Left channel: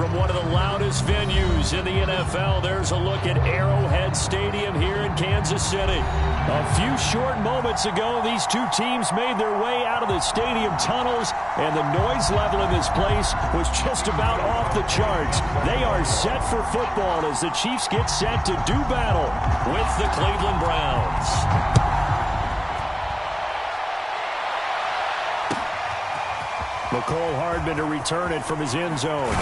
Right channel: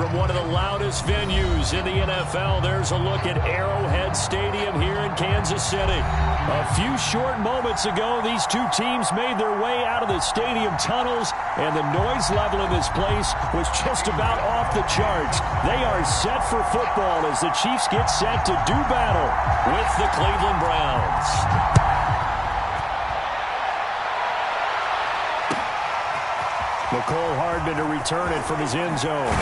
from one of the loudest venues in the NFL. There's a look at Arrowhead Stadium here in Kansas City. A few short moments ago, these two teams made their way out of the stadium tunnels, and the noise level in this place was just about off the charts. They are set for football as the Chiefs get set to do battle with the Cleveland Browns. Mecole Hardman to return it from his end zone.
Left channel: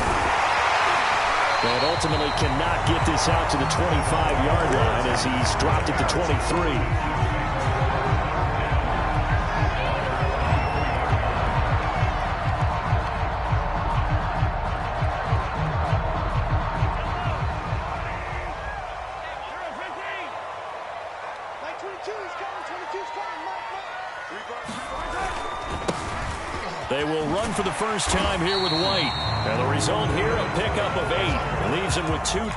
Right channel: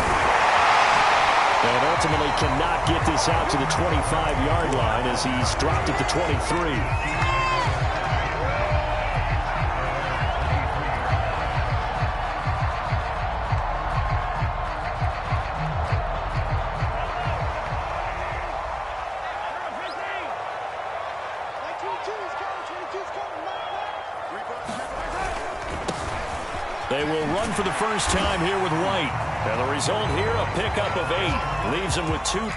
And ultimately cannot get this out to the 25-yard line as he's dropped it to 23. They will run for the first time here with White. And the result here, a pickup of 8. Leaves him with 2.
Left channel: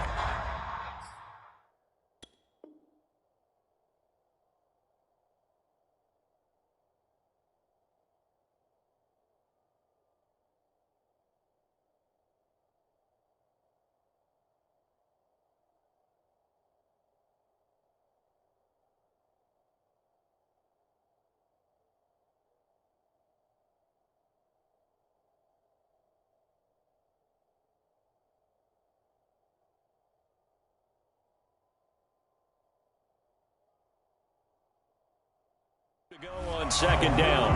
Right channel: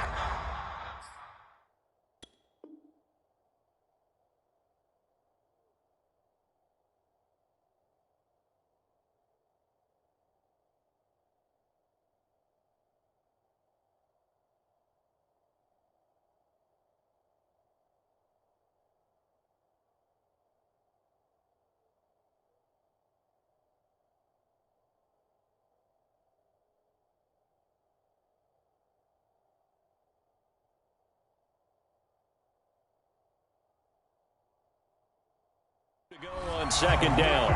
To go on second down.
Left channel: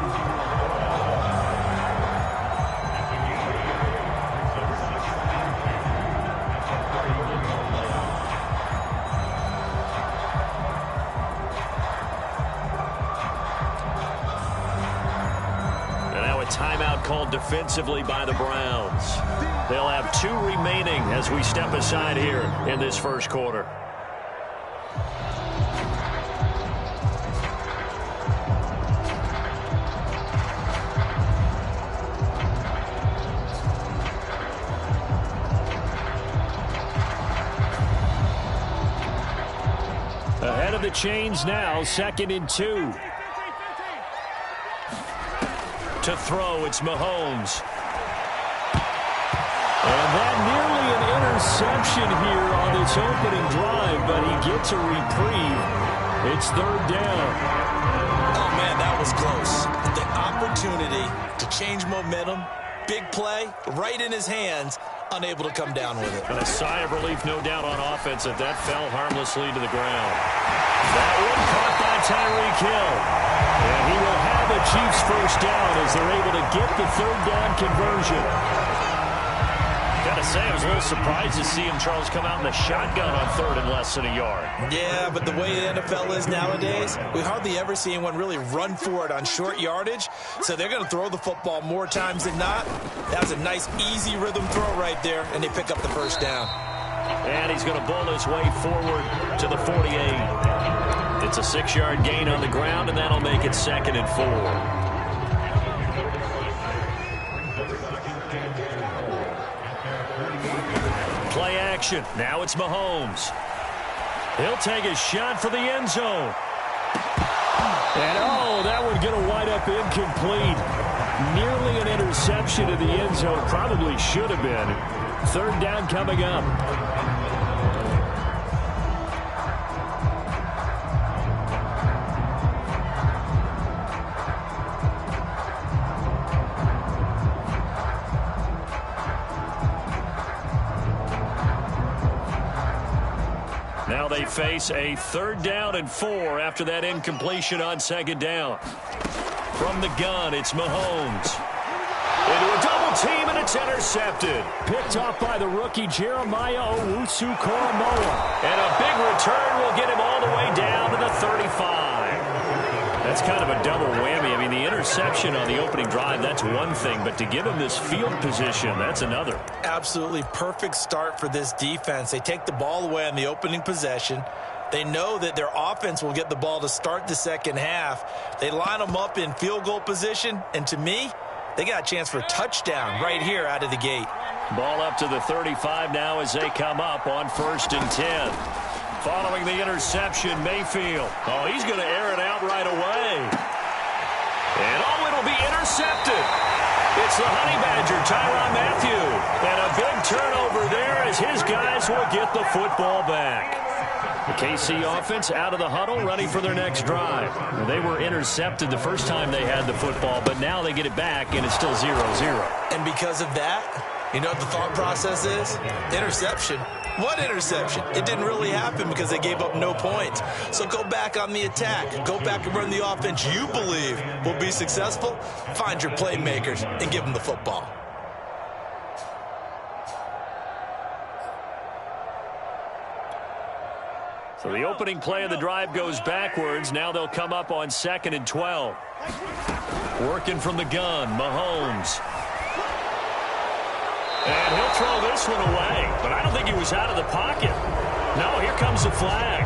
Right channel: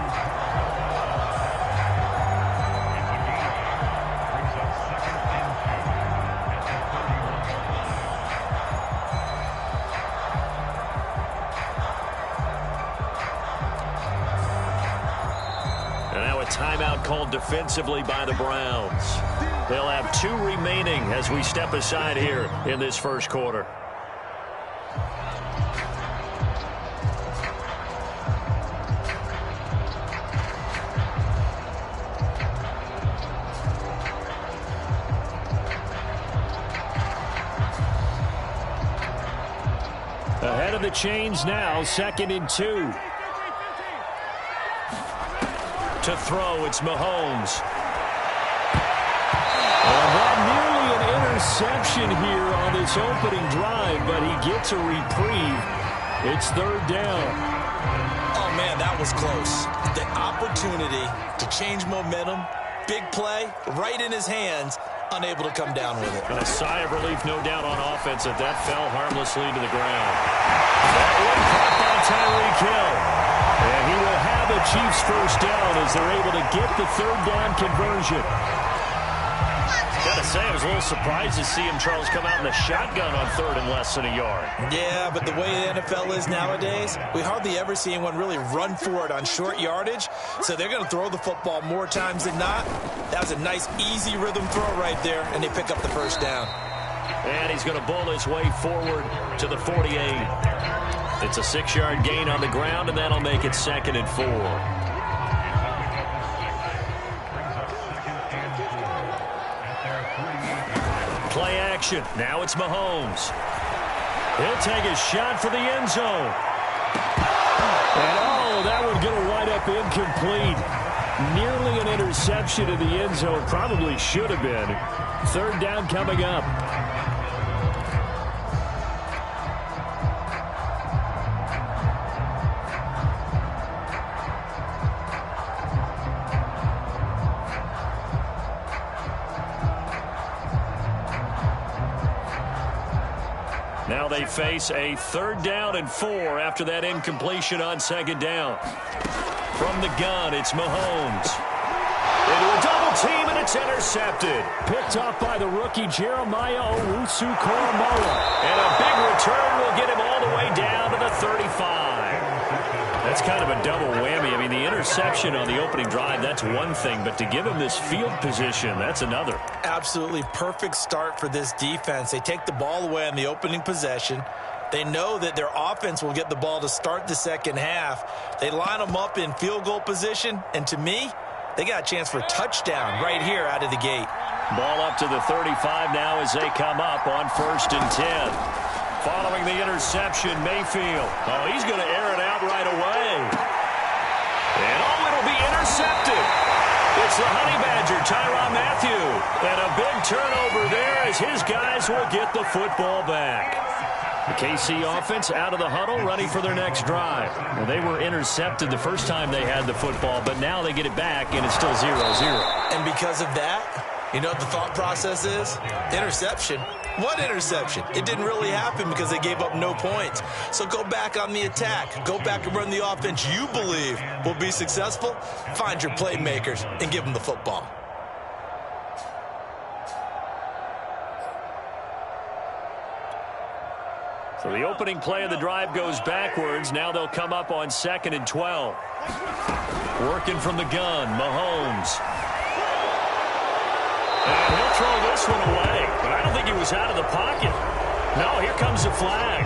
And now a timeout called defensively by the Browns. They'll have 2 remaining as we step aside here in this first quarter. Ahead of the chains now, 2nd and 2. To throw, it's Mahomes. And that nearly an interception here on this opening drive, but he gets a reprieve. It's 3rd down. Oh, man, that was close. The opportunity to change momentum, big play, right in his hands, unable to come down with it. And a sigh of relief, no doubt, on offense that fell harmlessly to the ground. That one caught by Tyreek Hill. And he will have a Chiefs first down as they're able to get the 3rd down conversion. Got to say, I was a little surprised to see him, Charles, come out in the shotgun on 3rd and less than a yard. Yeah, but the way the NFL is nowadays, we hardly ever see anyone really run for it on short yardage. So they're going to throw the football more times than not. That was a nice, easy rhythm throw right there, and they pick up the first down. And he's going to bull his way forward to the 48. It's a 6-yard gain on the ground, and that'll make it 2nd and 4. Play action. Now it's Mahomes. He'll take a shot for the end zone. And, oh, that one going to wind up incomplete. Nearly an interception in the end zone. Probably should have been. 3rd down coming up. Now they face a 3rd down and 4 after that incompletion on 2nd down. From the gun, it's Mahomes. Into a double team, and it's intercepted. Picked off by the rookie Jeremiah Owusu-Koramoah. And a big return will get him all the way down to the 35. That's kind of a double whammy. I mean, the interception on the opening drive, that's one thing. But to give him this field position, that's another. Absolutely perfect start for this defense. They take the ball away on the opening possession. They know that their offense will get the ball to start the second half. They line them up in field goal position. And to me, they got a chance for a touchdown right here out of the gate. Ball up to the 35 now as they come up on 1st and 10. Following the interception, Mayfield. Oh, he's going to air it out right away. And, oh, it'll be intercepted. It's the Honey Badger, Tyrann Mathieu. And a big turnover there as his guys will get the football back. The KC offense out of the huddle, ready for their next drive. Well, they were intercepted the first time they had the football, but now they get it back, and it's still 0-0. And because of that, you know what the thought process is? Interception. What interception? It didn't really happen because they gave up no points. So go back on the attack. Go back and run the offense you believe will be successful. Find your playmakers and give them the football. So the opening play of the drive goes backwards. Now they'll come up on 2nd and 12. Working from the gun, Mahomes. And he'll throw this one away. But I don't think he was out of the pocket. No, here comes the flag.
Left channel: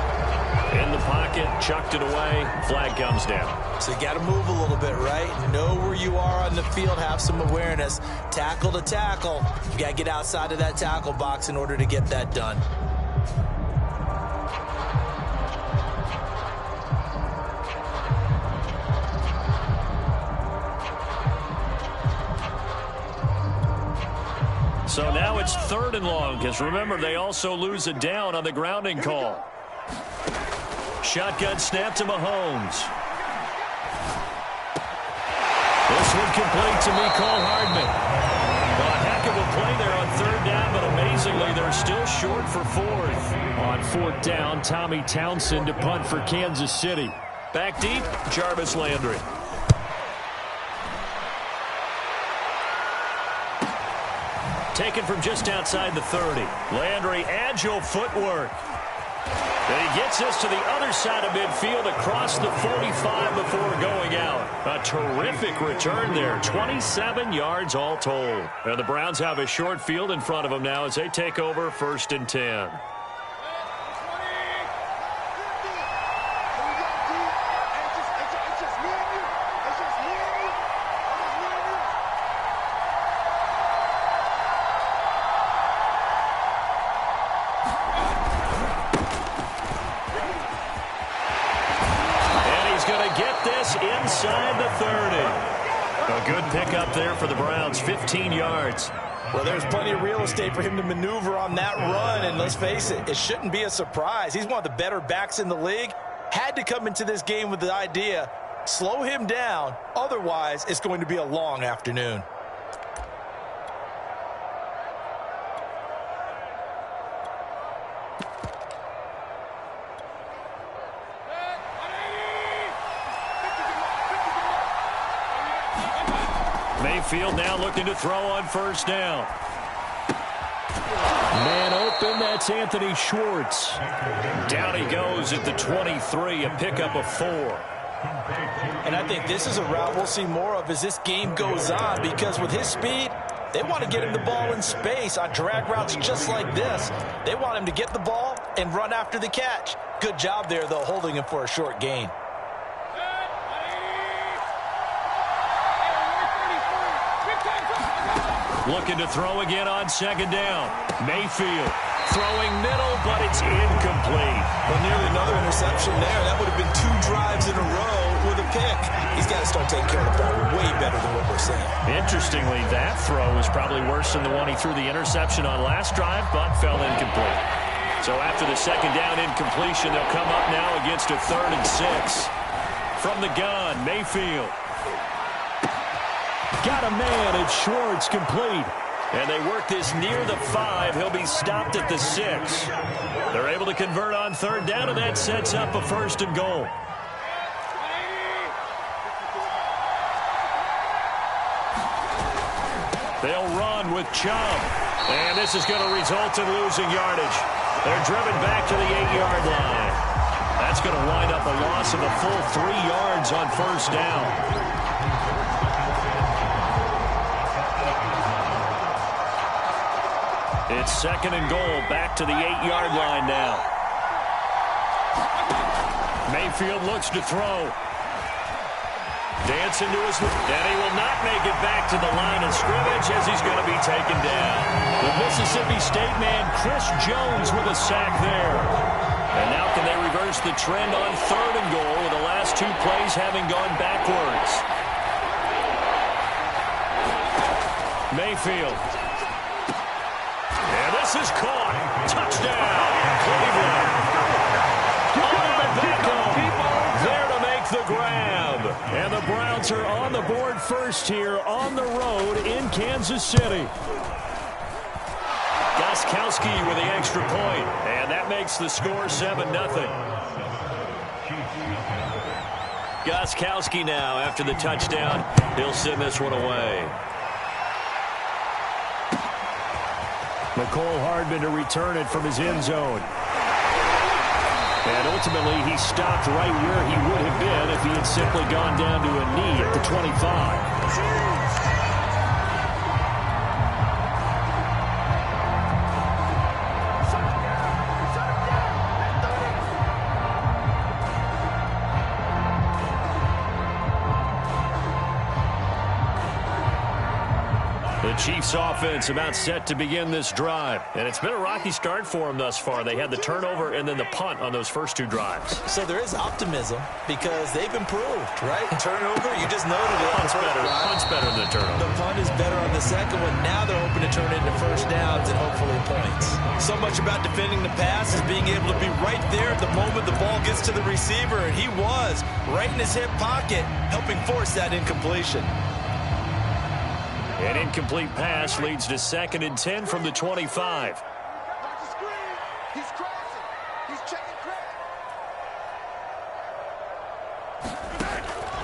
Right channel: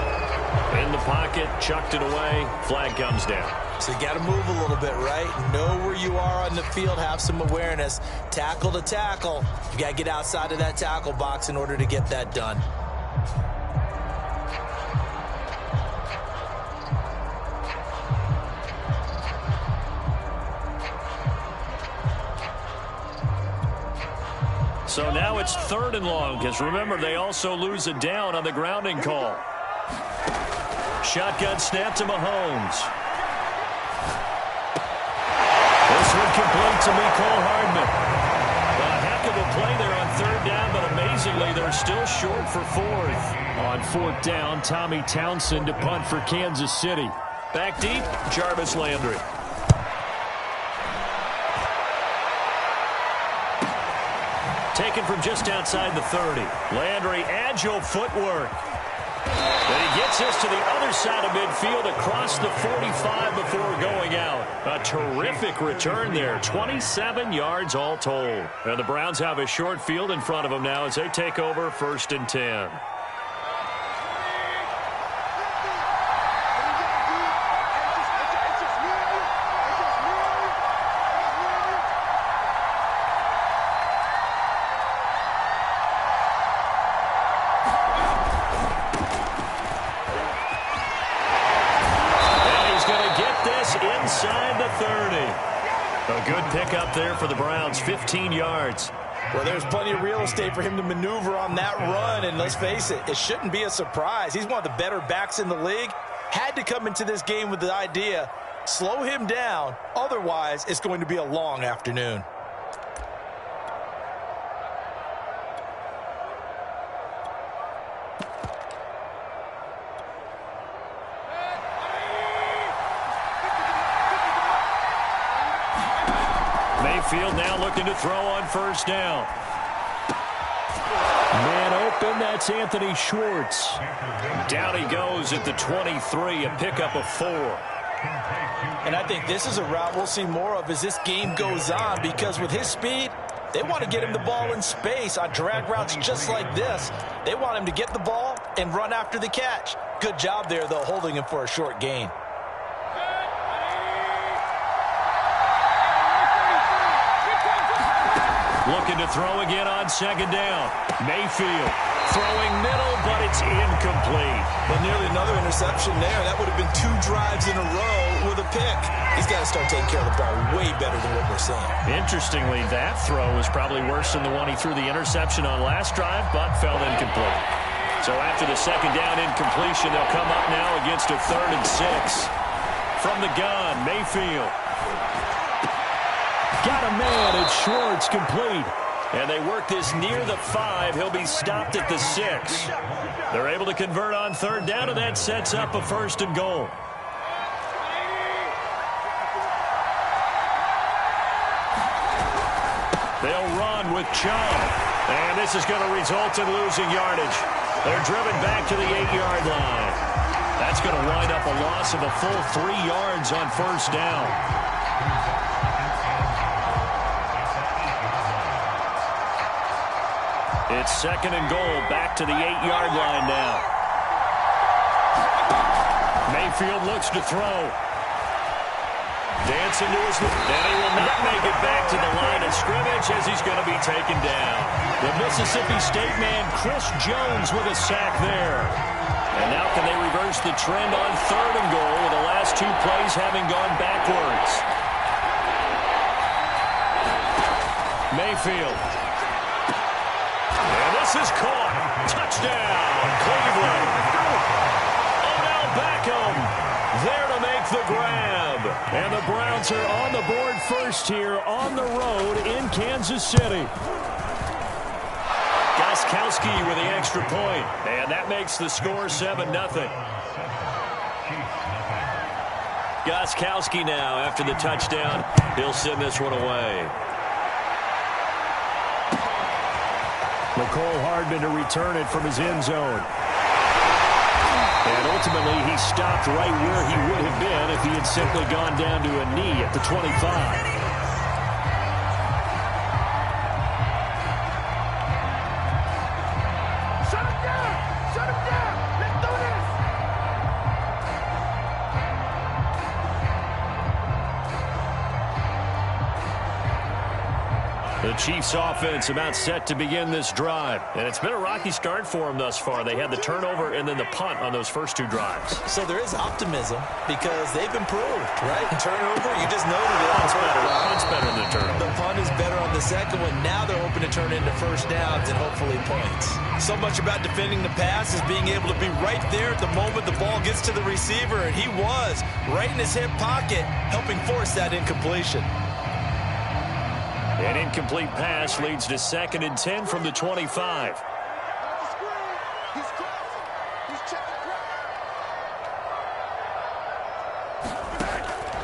In the pocket, chucked it away. Flag comes down. So you got to move a little bit, right? Know where you are on the field. Have some awareness. Tackle to tackle. You got to get outside of that tackle box in order to get that done. So now it's 3rd and long, because remember, they also lose a down on the grounding call. Shotgun snap to Mahomes. This one complete to Mecole Hardman. A heck of a play there on 3rd down, but amazingly, they're still short for 4th. On 4th down, Tommy Townsend to punt for Kansas City. Back deep, Jarvis Landry. Taken from just outside the 30. Landry, agile footwork. And he gets this to the other side of midfield across the 45 before going out. A terrific return there. 27 yards all told. And the Browns have a short field in front of them now as they take over 1st and 10. Inside the 30. A good pickup there for the Browns, 15 yards. Well, there's plenty of real estate for him to maneuver on that run, and let's face it, it shouldn't be a surprise. He's one of the better backs in the league. Had to come into this game with the idea, slow him down, otherwise it's going to be a long afternoon. Mayfield now looking to throw on 1st down. Man open, that's Anthony Schwartz. Down he goes at the 23, a pickup of 4. And I think this is a route we'll see more of as this game goes on, because with his speed, they want to get him the ball in space on drag routes just like this. They want him to get the ball and run after the catch. Good job there, though, holding him for a short gain. Looking to throw again on 2nd down. Mayfield throwing middle, but it's incomplete. Well, nearly another interception there. That would have been 2 drives in a row with a pick. He's got to start taking care of the ball way better than what we're seeing. Interestingly, that throw was probably worse than the one he threw the interception on last drive, but fell incomplete. So after the 2nd down incompletion, they'll come up now against a 3rd and 6. From the gun, Mayfield. Got a man, it's Schwartz, complete. And they work this near the 5. He'll be stopped at the 6. They're able to convert on 3rd down, and that sets up a 1st and goal. They'll run with Chubb. And this is going to result in losing yardage. They're driven back to the 8-yard line. That's going to wind up a loss of a full 3 yards on 1st down. It's 2nd and goal, back to the 8-yard line now. Mayfield looks to throw. Dancing to his left, and he will not make it back to the line of scrimmage as he's going to be taken down. The Mississippi State man, Chris Jones, with a sack there. And now can they reverse the trend on 3rd and goal with the last 2 plays having gone backwards? Mayfield. And this is caught. Touchdown, Cleveland. Odell Beckham there to make the grab. And the Browns are on the board first here on the road in Kansas City. Gostkowski with the extra point. And that makes the score 7-0. Gostkowski now after the touchdown. He'll send this one away. McCole Hardman to return it from his end zone. And ultimately, he stopped right where he would have been if he had simply gone down to a knee at the 25. The Chiefs offense about set to begin this drive. And it's been a rocky start for them thus far. They had the turnover and then the punt on those first two drives. So there is optimism because they've improved, right? Turnover, you just noted it. Punt's better than the turnover. The punt is better on the second one. Now they're hoping to turn into first downs and hopefully points. So much about defending the pass is being able to be right there at the moment the ball gets to the receiver. And he was right in his hip pocket, helping force that incompletion. An incomplete pass leads to 2nd and 10 from the 25.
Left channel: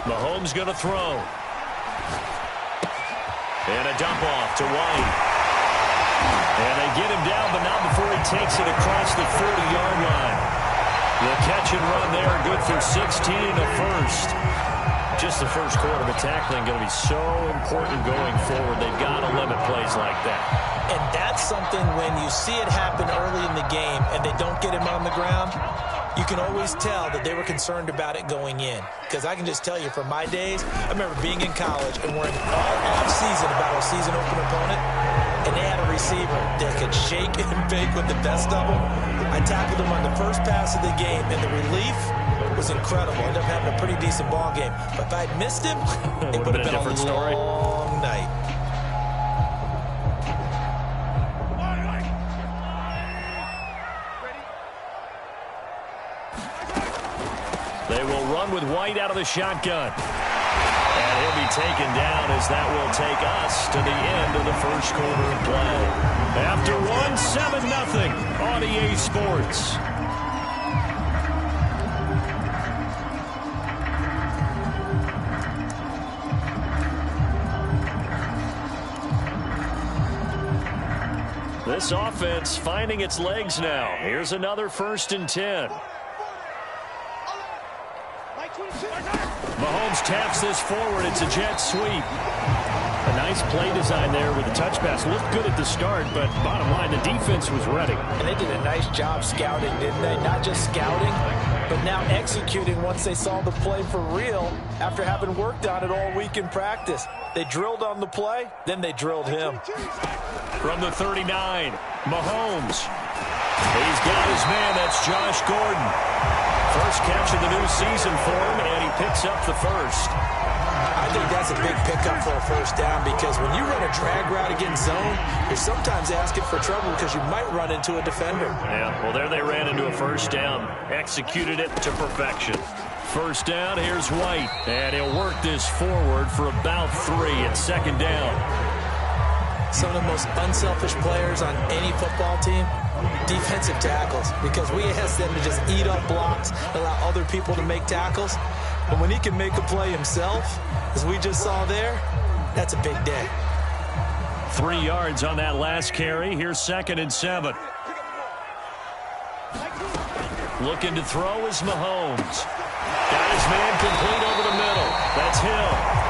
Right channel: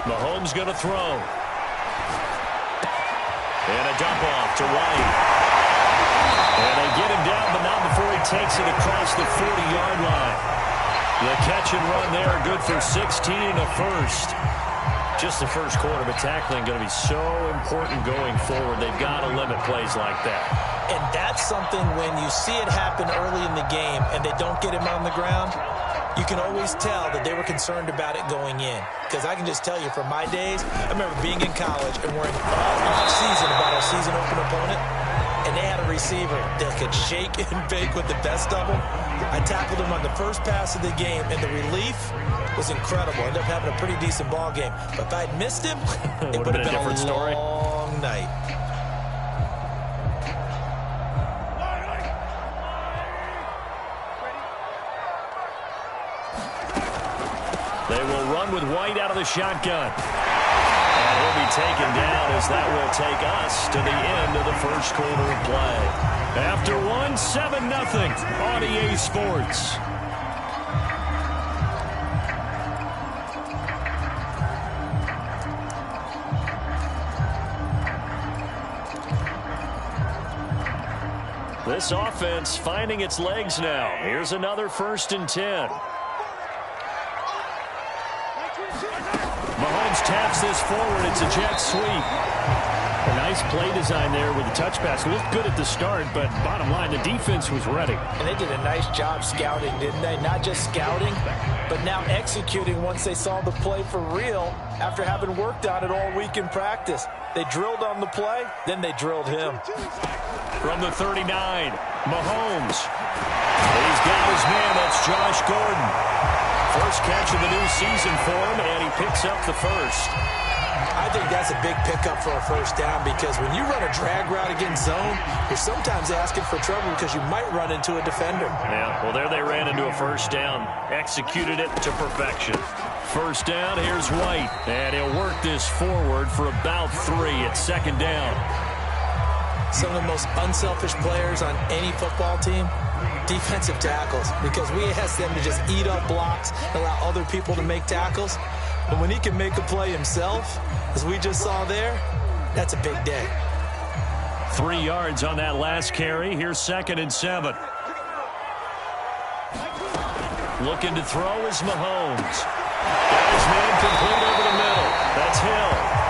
Mahomes going to throw. And a dump off to White. And they get him down, but not before he takes it across the 40-yard line. The catch and run there, good for 16 and a first. Just the first quarter, but tackling going to be so important going forward. They've got to limit plays like that. And that's something when you see it happen early in the game and they don't get him on the ground, you can always tell that they were concerned about it going in. Because I can just tell you from my days, I remember being in college and worrying all off-season about our season-open opponent, and they had a receiver that could shake and bake with the best of them. I tackled him on the first pass of the game, and the relief was incredible. Ended up having a pretty decent ball game. But if I'd missed him, it would have been a different story. Long night. They will run with White out of the shotgun. And he'll be taken down as that will take us to the end of the first quarter of play. After 7-0 on EA Sports. This offense finding its legs now. Here's another 1st and 10. Mahomes taps this forward. It's a jet sweep. A nice play design there with the touch pass. Looked good at the start, but bottom line, the defense was ready. And they did a nice job scouting, didn't they? Not just scouting, but now executing once they saw the play for real after having worked on it all week in practice. They drilled on the play, then they drilled him. From the 39, Mahomes. He's got his man. That's Josh Gordon. First catch of the new season for him, and he picks up the first. I think that's a big pickup for a first down because when you run a drag route against zone, you're sometimes asking for trouble because you might run into a defender. Yeah, well, there they ran into a first down. Executed it to perfection. First down, here's White. And he'll work this forward for about 3 at 2nd down. Some of the most unselfish players on any football team, defensive tackles, because we ask them to just eat up blocks and allow other people to make tackles. But when he can make a play himself, as we just saw there, that's a big day. 3 yards on that last carry. Here's 2nd and 7. Looking to throw is Mahomes. Got his man complete over the middle. That's Hill.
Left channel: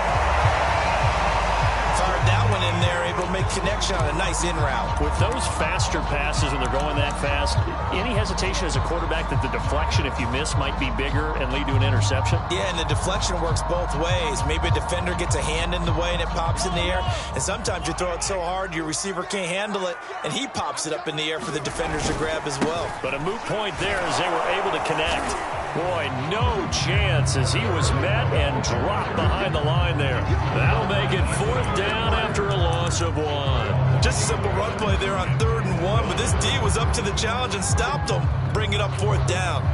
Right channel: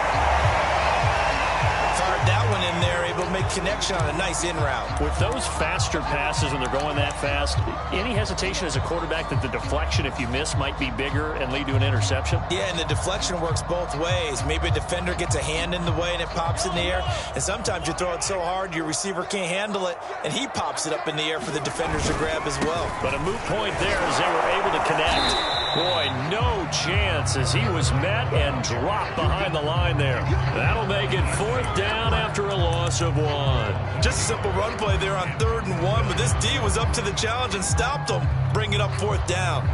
Fired that one in there, able to make connection on a nice in route. With those faster passes when they're going that fast, any hesitation as a quarterback that the deflection, if you miss, might be bigger and lead to an interception? Yeah, and the deflection works both ways. Maybe a defender gets a hand in the way and it pops in the air. And sometimes you throw it so hard your receiver can't handle it, and he pops it up in the air for the defenders to grab as well. But a moot point there as they were able to connect. Boy, no chance as he was met and dropped behind the line there. That'll make it 4th down after a loss of 1. Just a simple run play there on 3rd and 1, but this D was up to the challenge and stopped them, bringing up 4th down.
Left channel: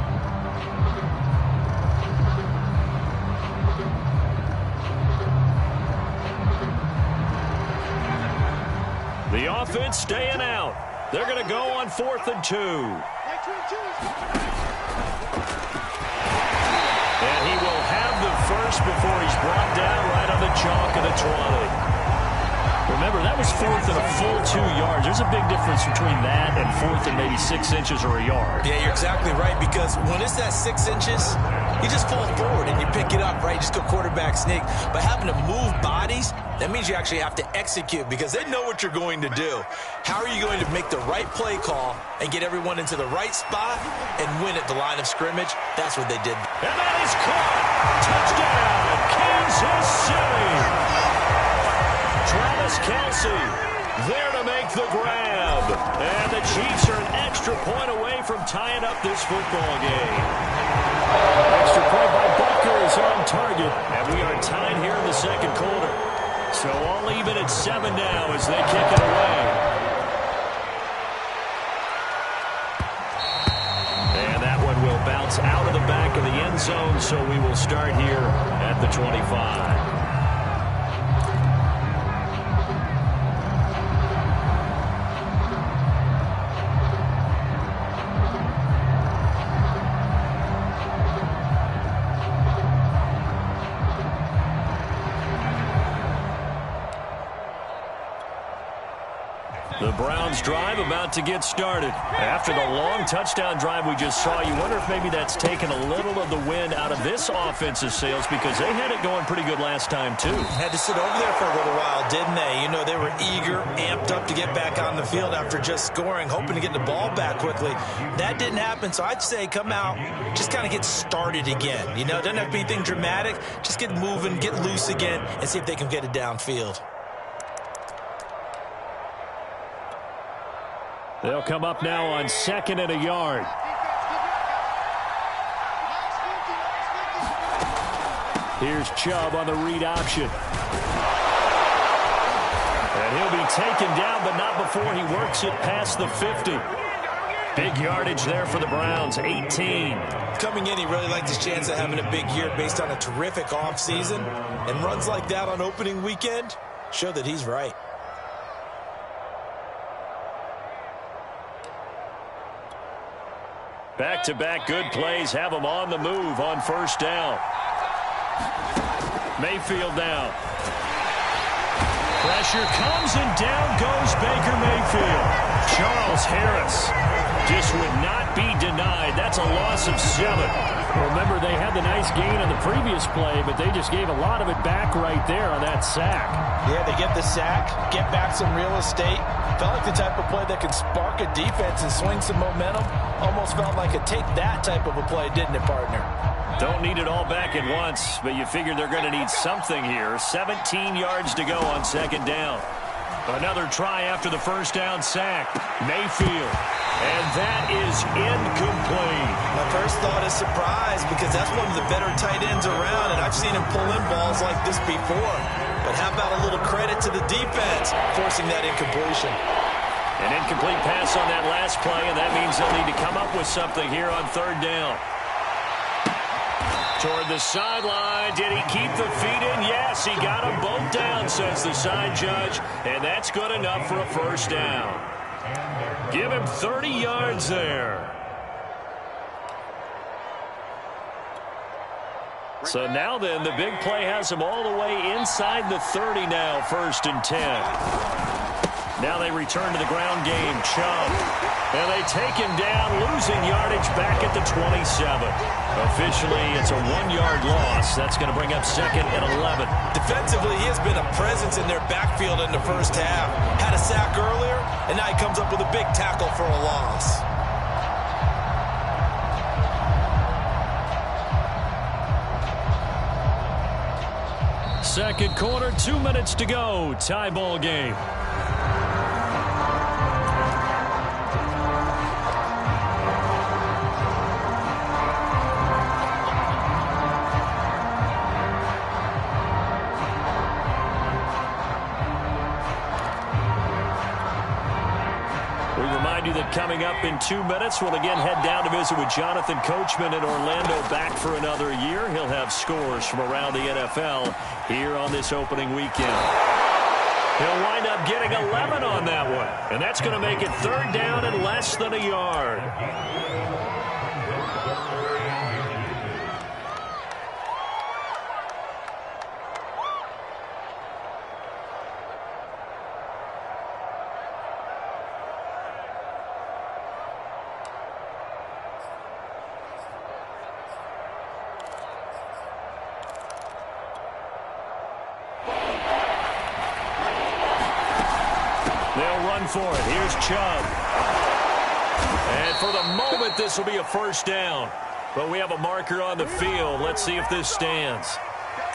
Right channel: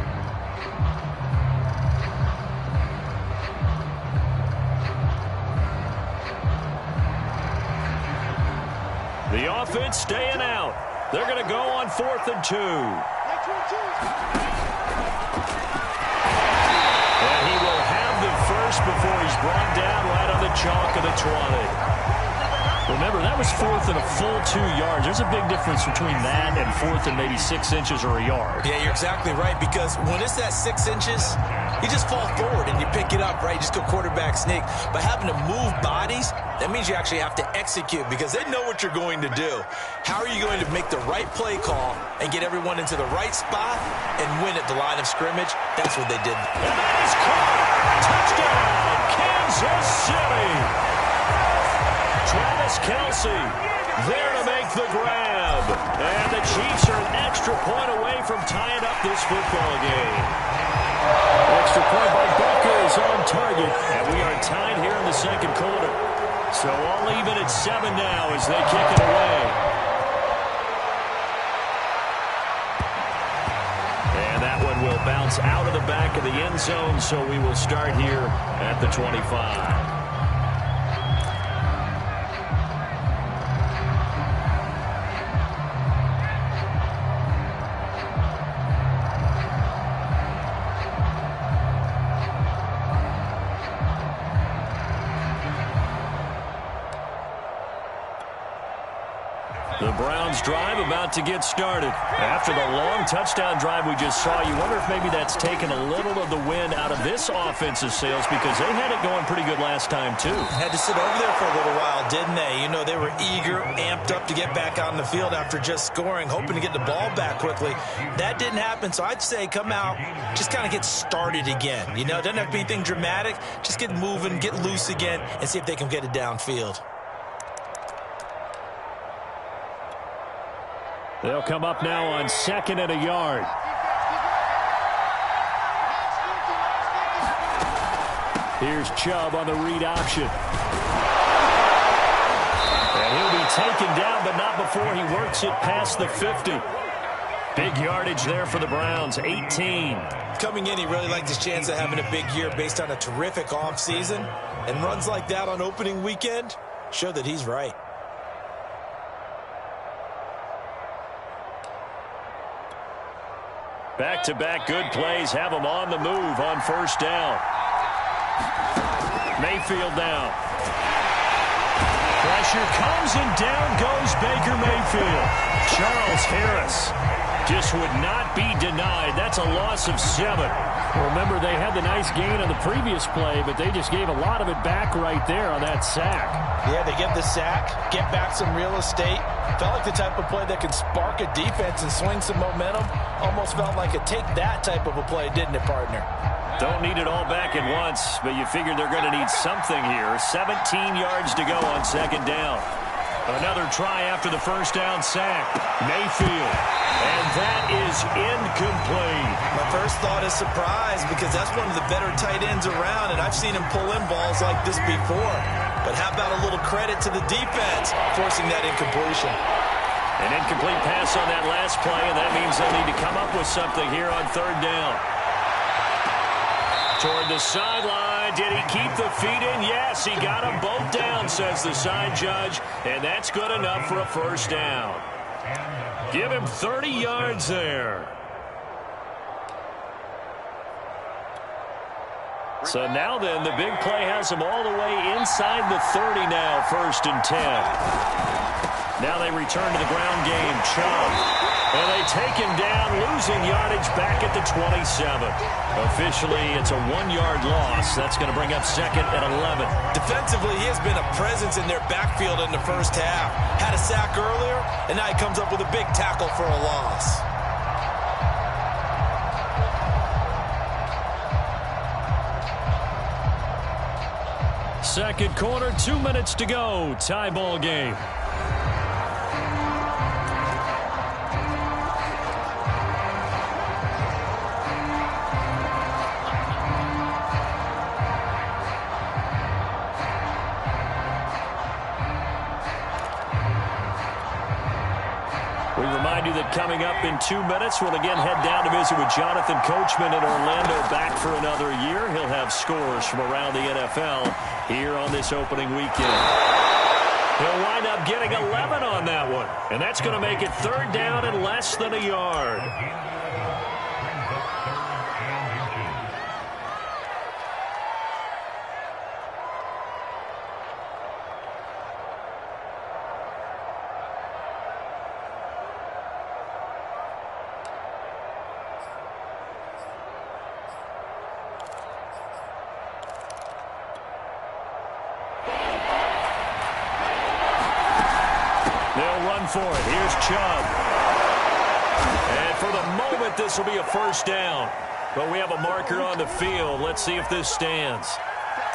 The offense staying out. They're going to go on 4th and 2. And he will have the first before he's brought down right on the chalk of the 20. Remember, that was 4th and a full 2 yards. There's a big difference between that and 4th and maybe 6 inches or a yard. Yeah, you're exactly right, because when it's that 6 inches, you just fall forward and you pick it up, right? You just go quarterback sneak. But having to move bodies, that means you actually have to execute because they know what you're going to do. How are you going to make the right play call and get everyone into the right spot and win at the line of scrimmage? That's what they did. And that is caught. Touchdown, Kansas City. Travis Kelce there to make the grab. And the Chiefs are an extra point away from tying up this football game. Extra point by Butker is on target. And we are tied here in the 2nd quarter. So all even at 7 now as they kick it away. And that one will bounce out of the back of the end zone. So we will start here at the 25. The Browns drive about to get started. After the long touchdown drive we just saw, you wonder if maybe that's taken a little of the wind out of this offensive sails because they had it going pretty good last time too. Had to sit over there for a little while, didn't they? You know, they were eager, amped up to get back on the field after just scoring, hoping to get the ball back quickly. That didn't happen, so I'd say come out, just kind of get started again. You know, it doesn't have to be anything dramatic. Just get moving, get loose again, and see if they can get it downfield. They'll come up now on 2nd and a yard. Here's Chubb on the read option. And he'll be taken down, but not before he works it past the 50. Big yardage there for the Browns, 18. Coming in, he really liked his chance of having a big year based on a terrific offseason. And runs like that on opening weekend show that he's right. Back-to-back good plays have them on the move on 1st down. Mayfield now. Pressure comes and down goes Baker Mayfield. Charles Harris just would not be denied. That's a loss of 7. Remember, they had the nice gain on the previous play, but they just gave a lot of it back right there on that sack. Yeah, they get the sack, get back some real estate. Felt like the type of play that can spark a defense and swing some momentum. Almost felt like a take that type of a play, didn't it, partner? Don't need it all back at once, but you figure they're going to need something here. 17 yards to go on 2nd down. Another try after the 1st down sack. Mayfield. And that is incomplete. My first thought is surprise because that's one of the better tight ends around, and I've seen him pull in balls like this before. But how about a little credit to the defense forcing that incompletion? An incomplete pass on that last play, and that means they'll need to come up with something here on 3rd down. Toward the sideline. Did he keep the feet in? Yes, he got them both down, says the side judge. And that's good enough for a 1st down. Give him 30 yards there. So now then, the big play has him all the way inside the 30 now, 1st and 10. Now they return to the ground game. Chubb. And they take him down, losing yardage back at the 27. Officially, it's a 1-yard loss. That's going to bring up 2nd and 11. Defensively, he has been a presence in their backfield in the first half. Had a sack earlier, and now he comes up with a big tackle for a loss. Second quarter, 2 minutes to go. Tie ball game. Remind you that coming up in 2 minutes, we'll again head down to visit with Jonathan Coachman in Orlando, back for another year. He'll have scores from around the NFL here on this opening weekend. He'll wind up getting 11 on that one, and that's going to make it 3rd down and less than a yard. They'll run for it. Here's Chubb. And for the moment, this will be a 1st down. But we have a marker on the field. Let's see if this stands.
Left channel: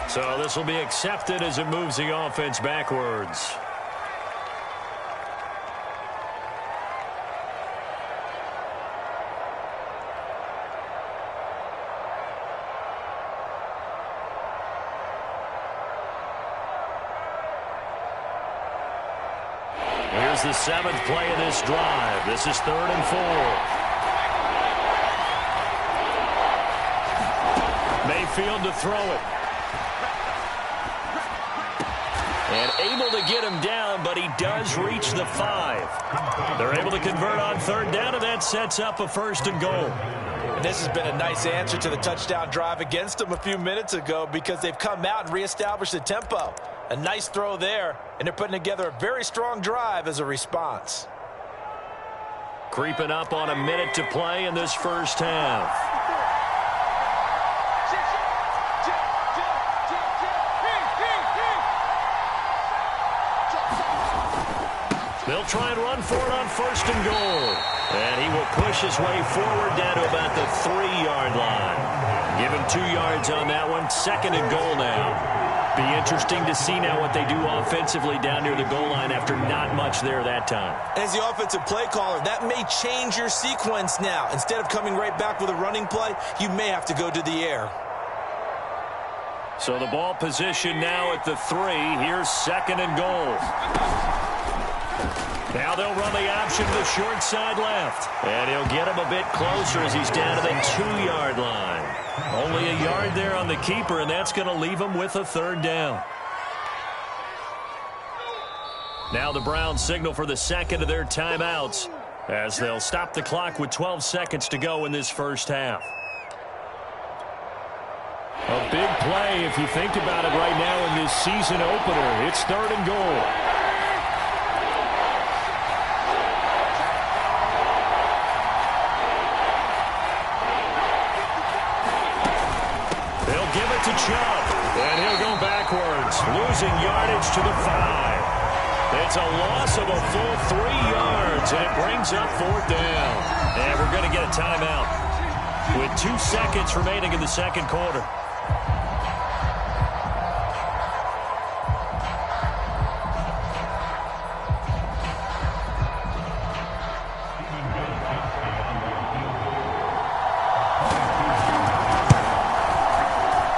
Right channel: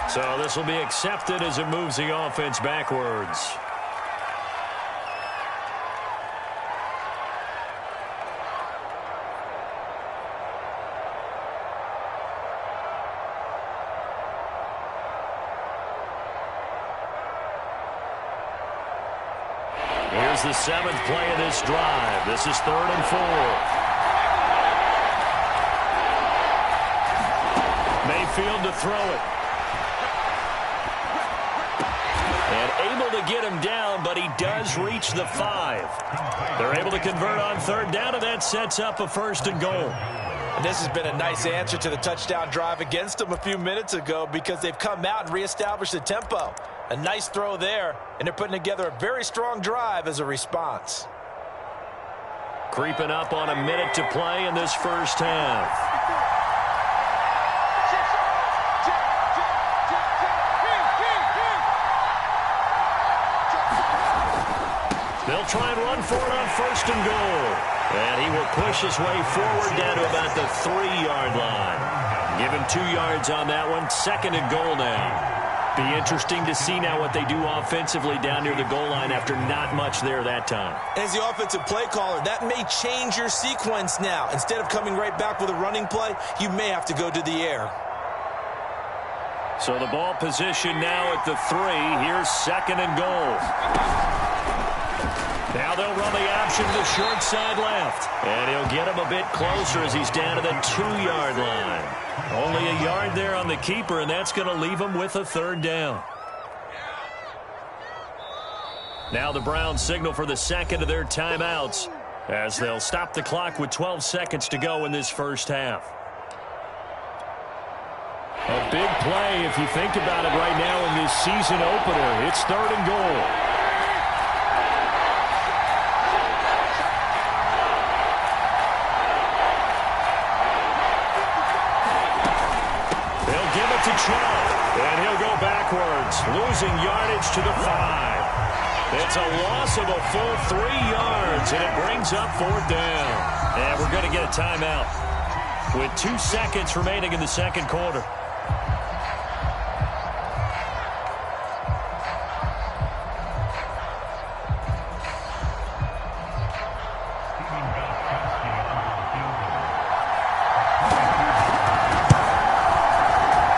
So this will be accepted as it moves the offense backwards. Here's the 7th play of this drive. This is 3rd and 4. Mayfield to throw it. And able to get him down, but he does reach the 5. They're able to convert on 3rd down, and that sets up a 1st and goal. And this has been a nice answer to the touchdown drive against them a few minutes ago, because they've come out and reestablished the tempo. A nice throw there, and they're putting together a very strong drive as a response. Creeping up on a minute to play in this 1st half. They'll try and run for it on 1st and goal. And he will push his way forward down to about the 3-yard line. Give him 2 yards on that one. 2nd and goal now. Be interesting to see now what they do offensively down near the goal line after not much there that time. As the offensive play caller, that may change your sequence now. Instead of coming right back with a running play, you may have to go to the air. So the ball position now at the 3. Here's 2nd and goal. Now they'll run the option to the short side left. And he'll get him a bit closer as he's down to the 2-yard line. Only a yard there on the keeper, and that's going to leave him with a 3rd down. Now the Browns signal for the 2nd of their timeouts as they'll stop the clock with 12 seconds to go in this 1st half. A big play if you think about it right now in this season opener. It's 3rd and goal. Give it to Chubb, and he'll go backwards, losing yardage to the 5. It's a loss of a full 3 yards, and it brings up 4th down. And we're going to get a timeout with 2 seconds remaining in the 2nd quarter.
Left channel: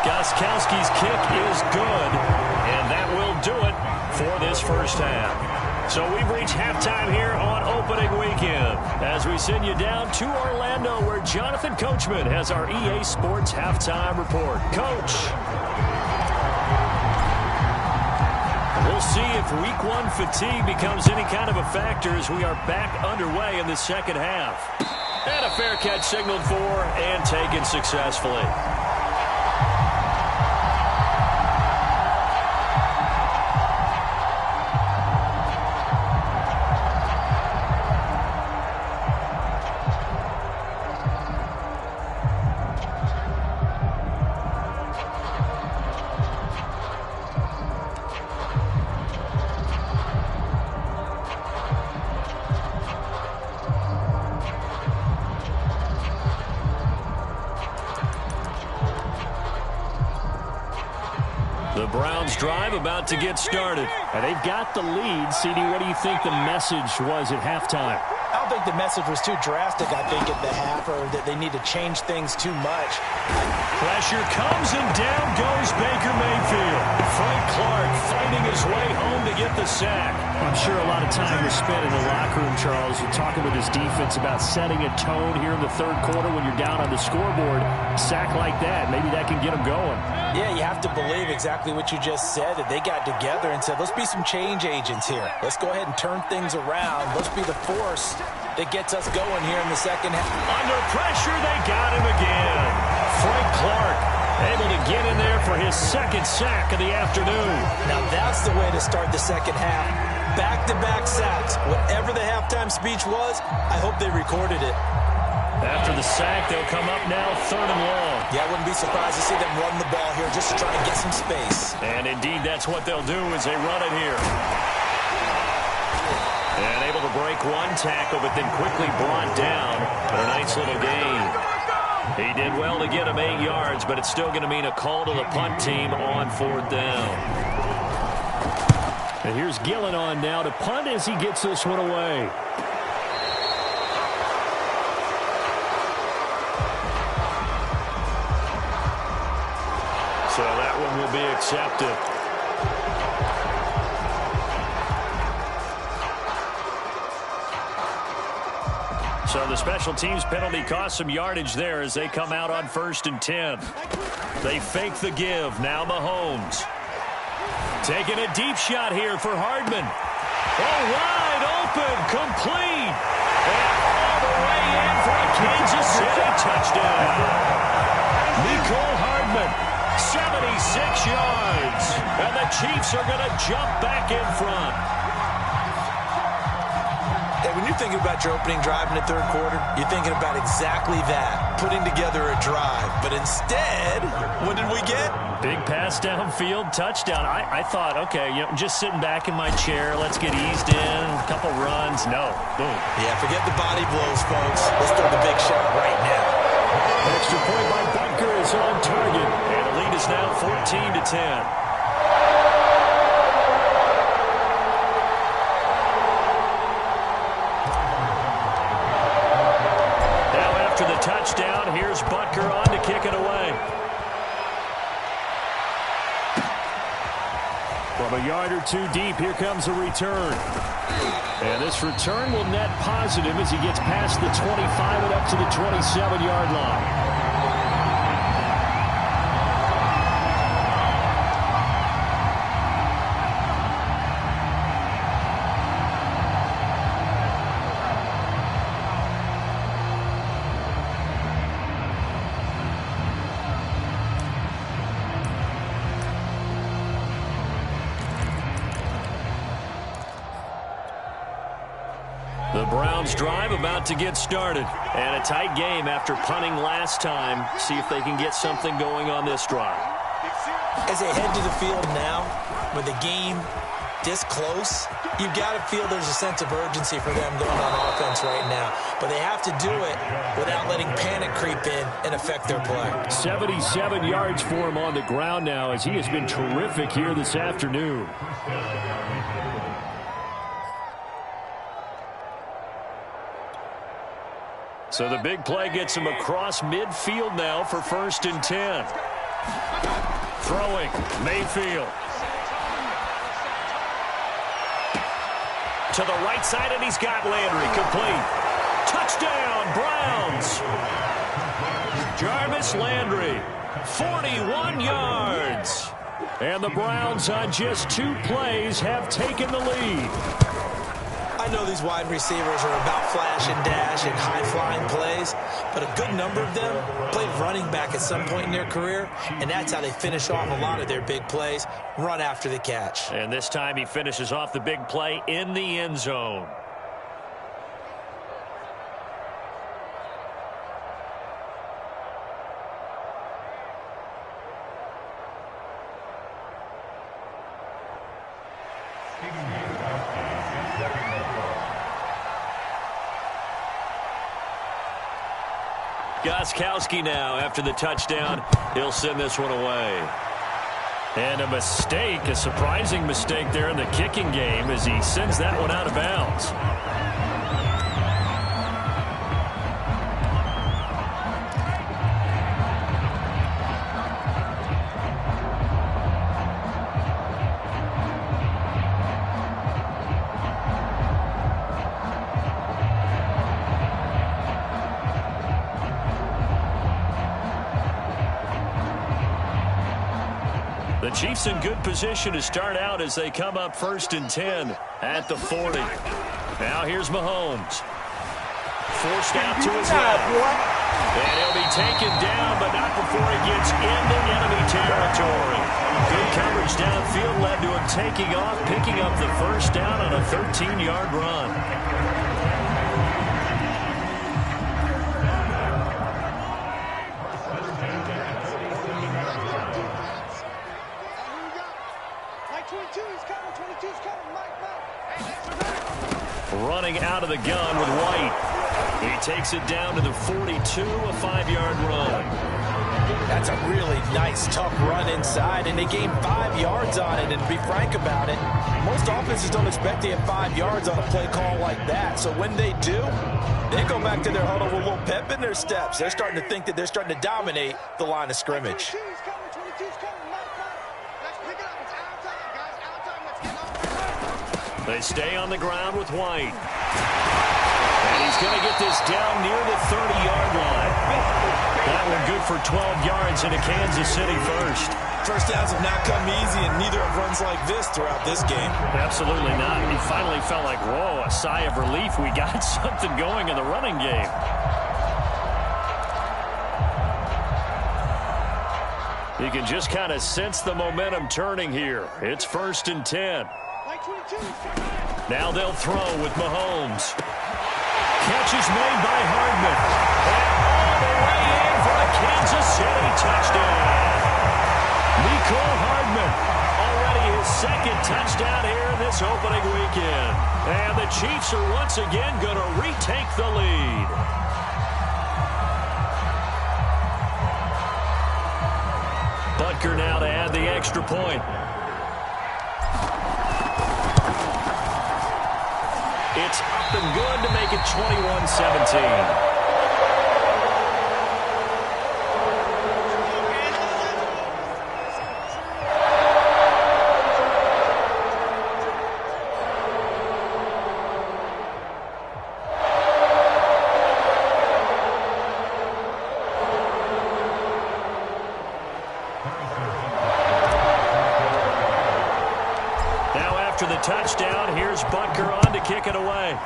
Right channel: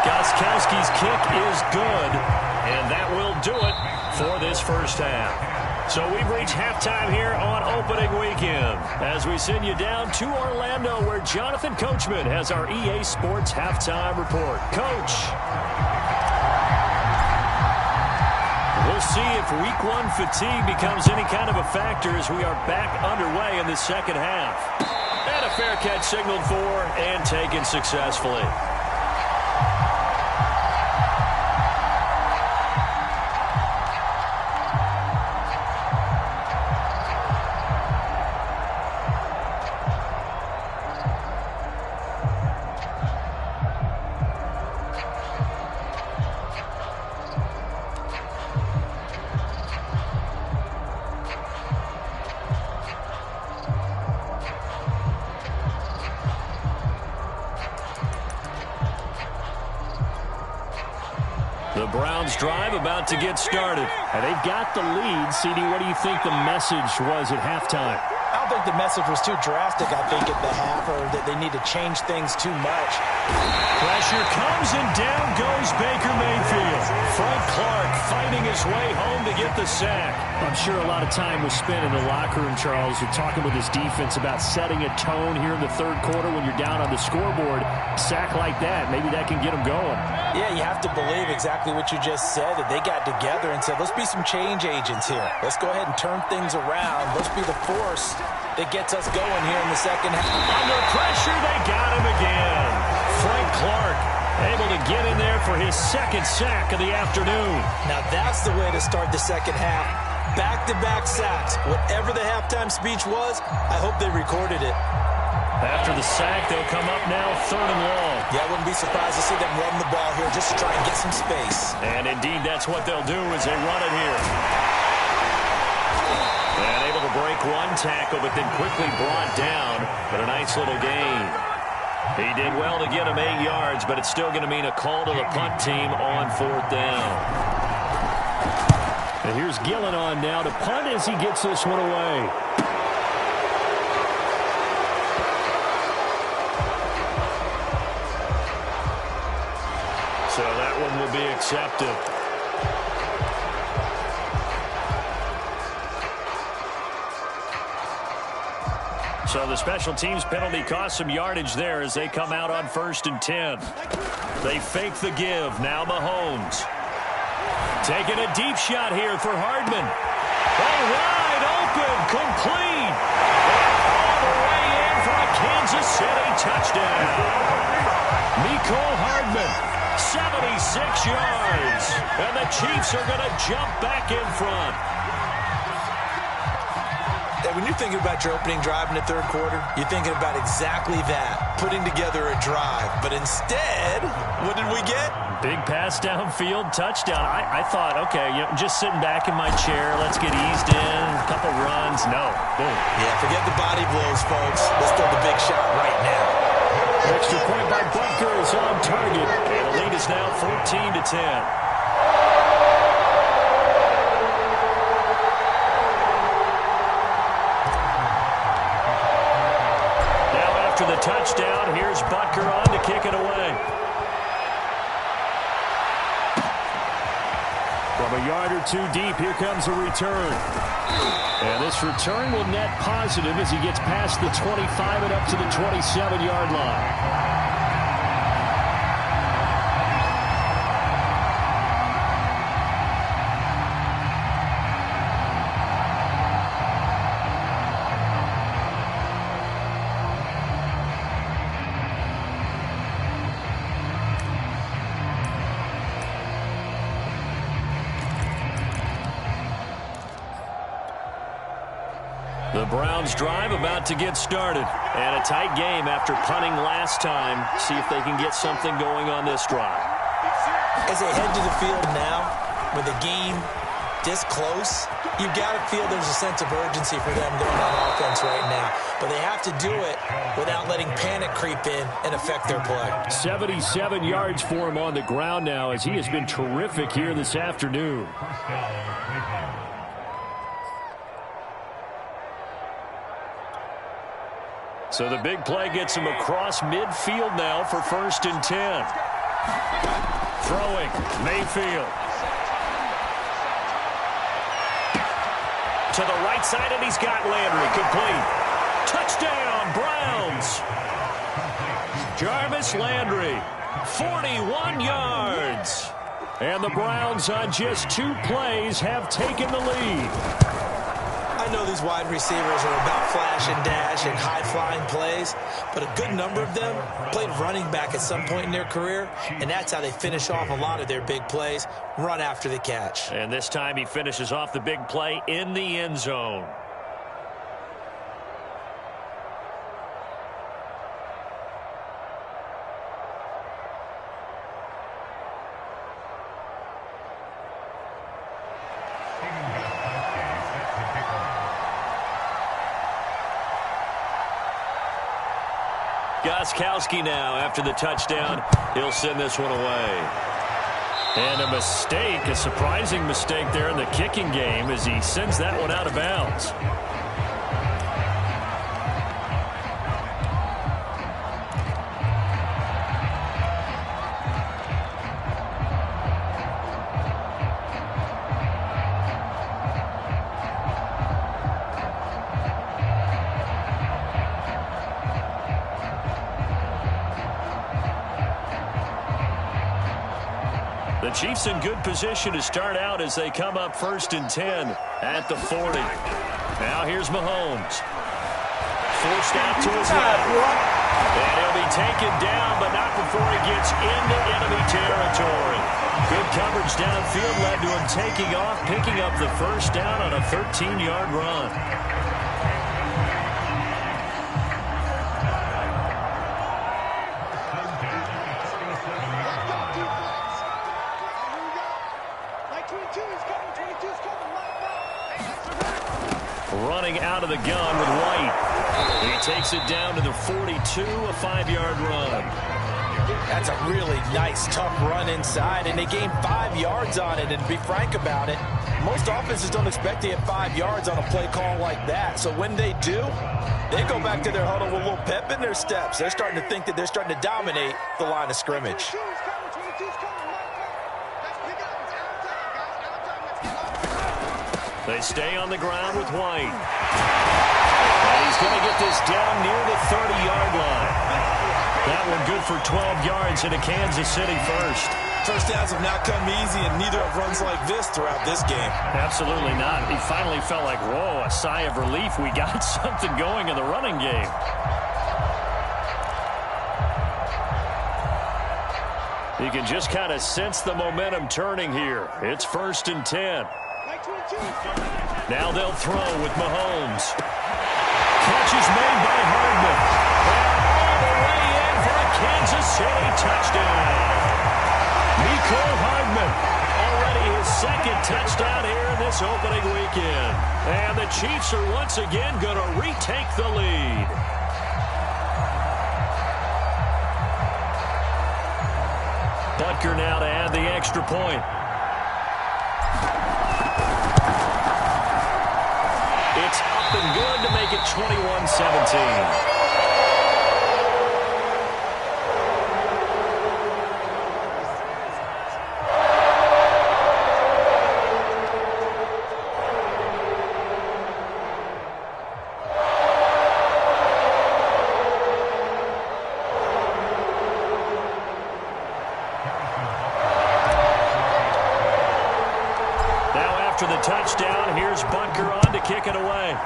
Gostkowski's kick is good, and that will do it for this 1st half. So we've reached halftime here on opening weekend as we send you down to Orlando, where Jonathan Coachman has our EA Sports halftime report. Coach. We'll see if week 1 fatigue becomes any kind of a factor as we are back underway in the 2nd half. And a fair catch signaled for and taken successfully. The Browns drive about to get started. And they've got the lead. CD, what do you think the message was at halftime? I don't think the message was too drastic, I think, at the half, or that they need to change things too much. Pressure comes, and down goes Baker Mayfield. Frank Clark fighting his way home to get the sack. I'm sure a lot of time was spent in the locker room, Charles, talking with his defense about setting a tone here in the third quarter when you're down on the scoreboard. Sack like that, maybe that can get them going. Yeah, you have to believe exactly what you just said, that they got together and said, let's be some change agents here. Let's go ahead and turn things around. Let's be the force that gets us going here in the second half. Under pressure, they got him again. Frank Clark able to get in there for his second sack of the afternoon. Now that's the way to start the second half. Back-to-back sacks. Whatever the halftime speech was, I hope they recorded it. After the sack, they'll come up now 3rd and long. Yeah, I wouldn't be surprised to see them run the ball here just to try and get some space. And indeed, that's what they'll do as they run it here. And able to break one tackle, but then quickly brought down. But a nice little gain. He did well to get him 8 yards, but it's still going to mean a call to the punt team on 4th down. And here's Gillen on now to punt as he gets this one away. So that one will be accepted. So the special teams penalty cost some yardage there as they come out on 1st and 10. They fake the give. Now Mahomes. Taking a deep shot here for Hardman. Oh, wide open. Complete. And all the way in for a Kansas City touchdown. Mecole Hardman. 76 yards. And the Chiefs are going to jump back in front. Hey, when you're thinking about your opening drive in the third quarter, you're thinking about exactly that, putting together a drive. But instead, what did we get? Big pass downfield, touchdown. I thought, okay, just sitting back in my chair, let's get eased in, a couple runs. No, boom. Yeah, forget the body blows, folks. Let's throw the big shot right now. Extra point by Butker is on target. And the lead is now 14-10. After the touchdown, here's Butker on to kick it away. From a yard or two deep, here comes a return. And this return will net positive as he gets past the 25 and up to the 27-yard line. The Browns drive about to get started. And a tight game after punting last time. See if they can get something going on this drive. As they head to the field now, with the game this close, you've got to feel there's a sense of urgency for them going on offense right now. But they have to do it without letting panic creep in and affect their play. 77 yards for him on the ground now as he has been terrific here this afternoon. So the big play gets him across midfield now for 1st and 10. Throwing, Mayfield. To the right side, and he's got Landry. Complete. Touchdown, Browns. Jarvis Landry, 41 yards. And the Browns on just 2 plays have taken the lead. I know these wide receivers are about flash and dash and high-flying plays, but a good number of them played running back at some point in their career, and that's how they finish off a lot of their big plays, run after the catch. And this time he finishes off the big play in the end zone. Gostkowski now after the touchdown. He'll send this one away. And a mistake, a surprising mistake there in the kicking game as he sends that one out of bounds. The Chiefs in good position to start out as they come up 1st and 10 at the 40. Now here's Mahomes. Forced out to his left. And he'll be taken down, but not before he gets into enemy territory. Good coverage downfield led to him taking off, picking up the first down on a 13-yard run. Running out of the gun with White. He takes it down to the 42, a 5-yard run. That's a really nice, tough run inside, and they gained 5 yards on it. And to be frank about it, most offenses don't expect to get 5 yards on a play call like that. So when they do, they go back to their huddle with a little pep in their steps. They're starting to think that they're starting to dominate the line of scrimmage. They stay on the ground with White. And he's going to get this down near the 30-yard line. That one good for 12 yards into Kansas City first. First downs have not come easy, and neither have runs like this throughout this game. Absolutely not. He finally felt like, whoa, a sigh of relief. We got something going in the running game. You can just kind of sense the momentum turning here. It's 1st and 10. Now they'll throw with Mahomes. Catch is made by Hardman. And all the way in for a Kansas City touchdown. Mecole Hardman, already his 2nd touchdown here in this opening weekend. And the Chiefs are once again going to retake the lead. Butker now to add the extra point. It's up and good to make it 21-17. Now after the touchdown, here's Butker on to kick it away.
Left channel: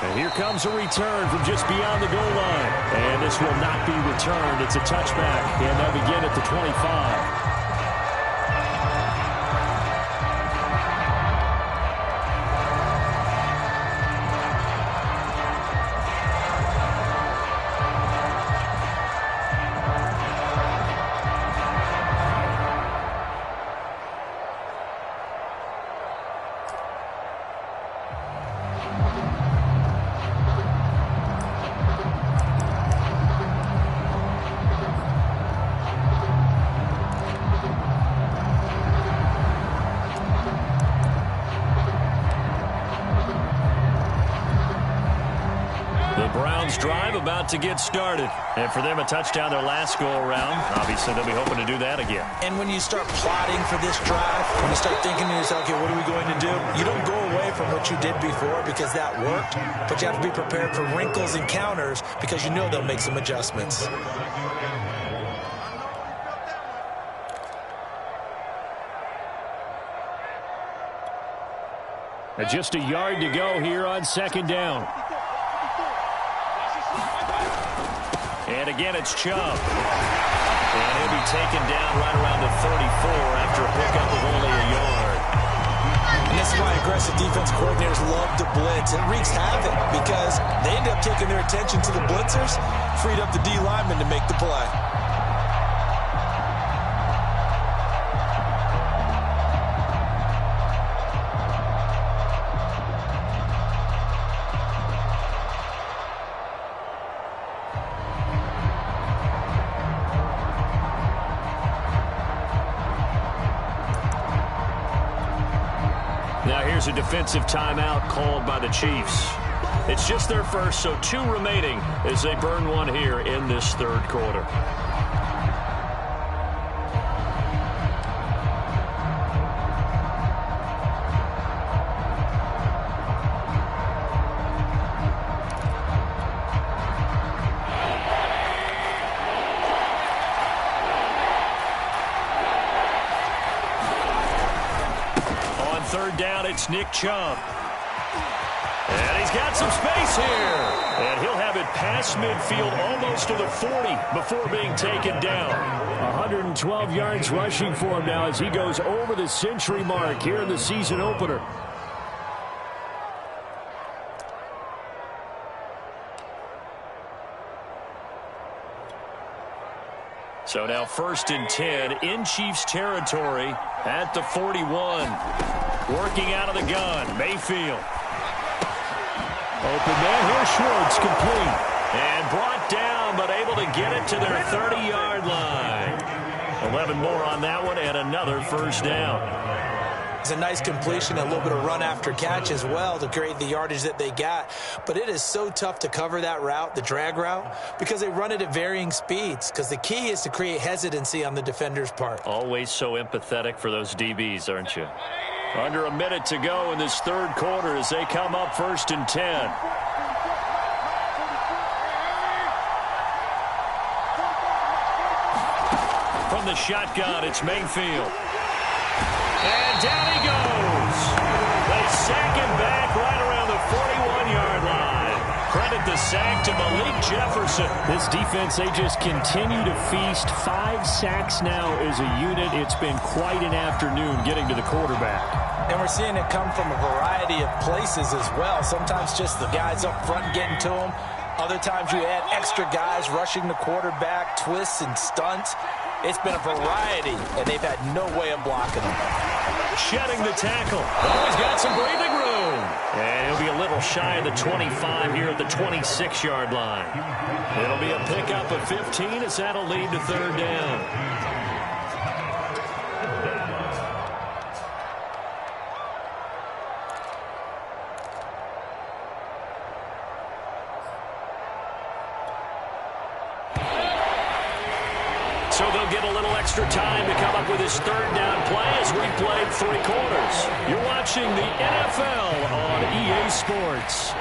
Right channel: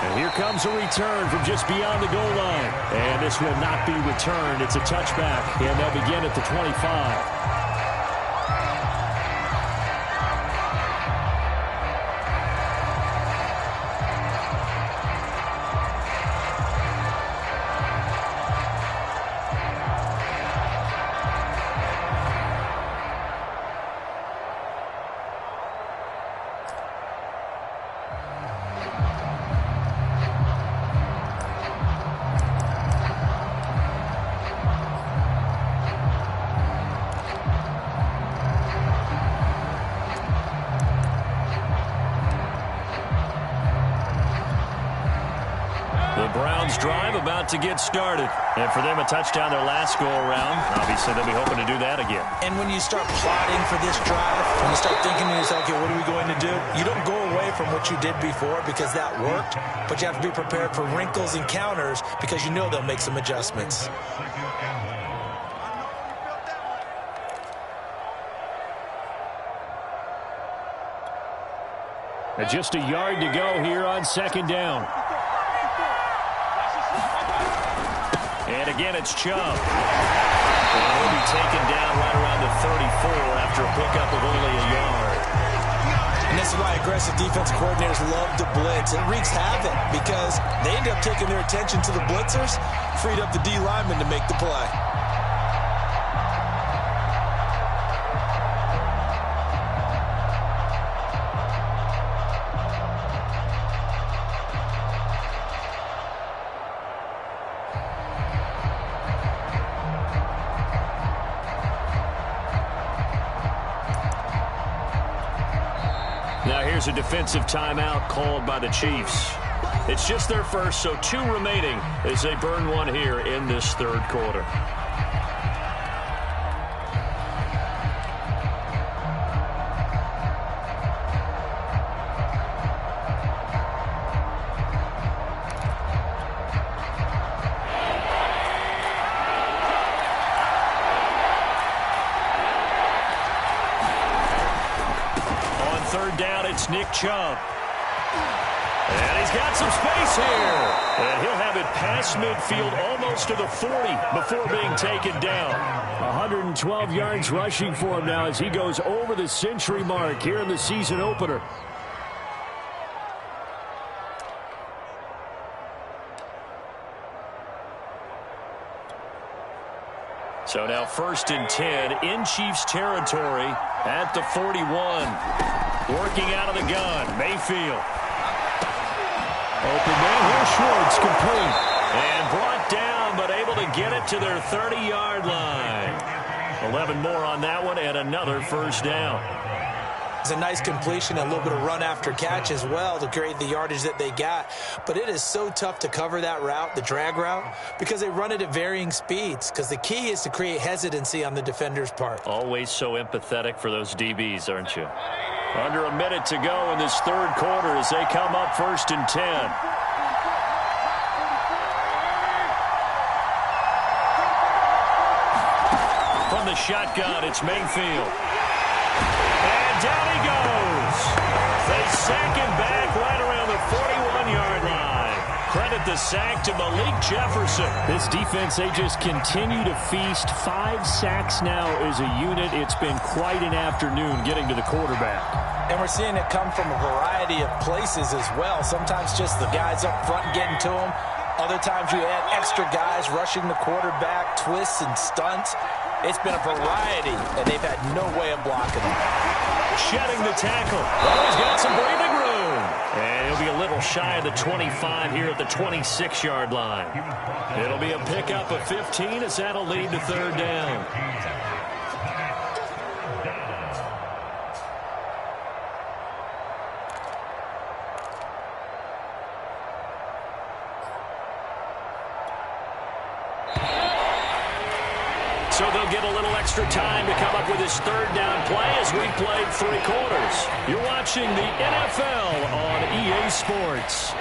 And here comes a return from just beyond the goal line. And this will not be returned. It's a touchback, and they'll begin at the 25. The Browns drive about to get started. And for them, a touchdown their last go-around. Obviously, they'll be hoping to do that again. And when you start plotting for this drive, when you start thinking to yourself, okay, what are we going to do? You don't go away from what you did before because that worked, but you have to be prepared for wrinkles and counters because you know they'll make some adjustments. And just a yard to go here on 2nd down. And again, it's Chubb. And he'll be taken down right around the 34 after a pickup of only a yard. And this is why aggressive defense coordinators love to blitz. It wreaks havoc because they end up taking their attention to the blitzers, freed up the D lineman to make the play. Now here's a defensive timeout called by the Chiefs. It's just their first, so 2 remaining as they burn one here in this 3rd quarter. third down, it's Nick Chubb. And he's got some space here. And he'll have it past midfield almost to the 40 before being taken down. 112 yards rushing for him now as he goes over the century mark here in the season opener. So now 1st and 10 in Chiefs territory at the 41. Working out of the gun, Mayfield. Open man here, Schwartz, complete. And brought down, but able to get it to their 30-yard line. 11 more on that one, and another first down. It's a nice completion, a little bit of run after catch as well to create the yardage that they got. But it is so tough to cover that route, the drag route, because they run it at varying speeds. Because the key is to create hesitancy on the defender's part. Always so empathetic for those DBs, aren't you? Under a minute to go in this third quarter as they come up 1st and 10. From the shotgun, it's Mayfield. And down he goes. They sack him back right around the 41-yard line. Credit the sack to Malik Jefferson. This defense, they just continue to feast. 5 sacks now as a unit. It's been quite an afternoon getting to the quarterback. And we're seeing it come from a variety of places as well. Sometimes just the guys up front getting to him. Other times you add extra guys rushing the quarterback, twists and stunts. It's been a variety, and they've had no way of blocking them. Shedding the tackle. Always got some breathing room. And he'll be a little shy of the 25 here at the 26-yard line. It'll be a pickup of 15 as that'll lead to third down. So they'll get a little extra time to come up with his third down play as we played 3 quarters. You're watching the NFL on EA Sports.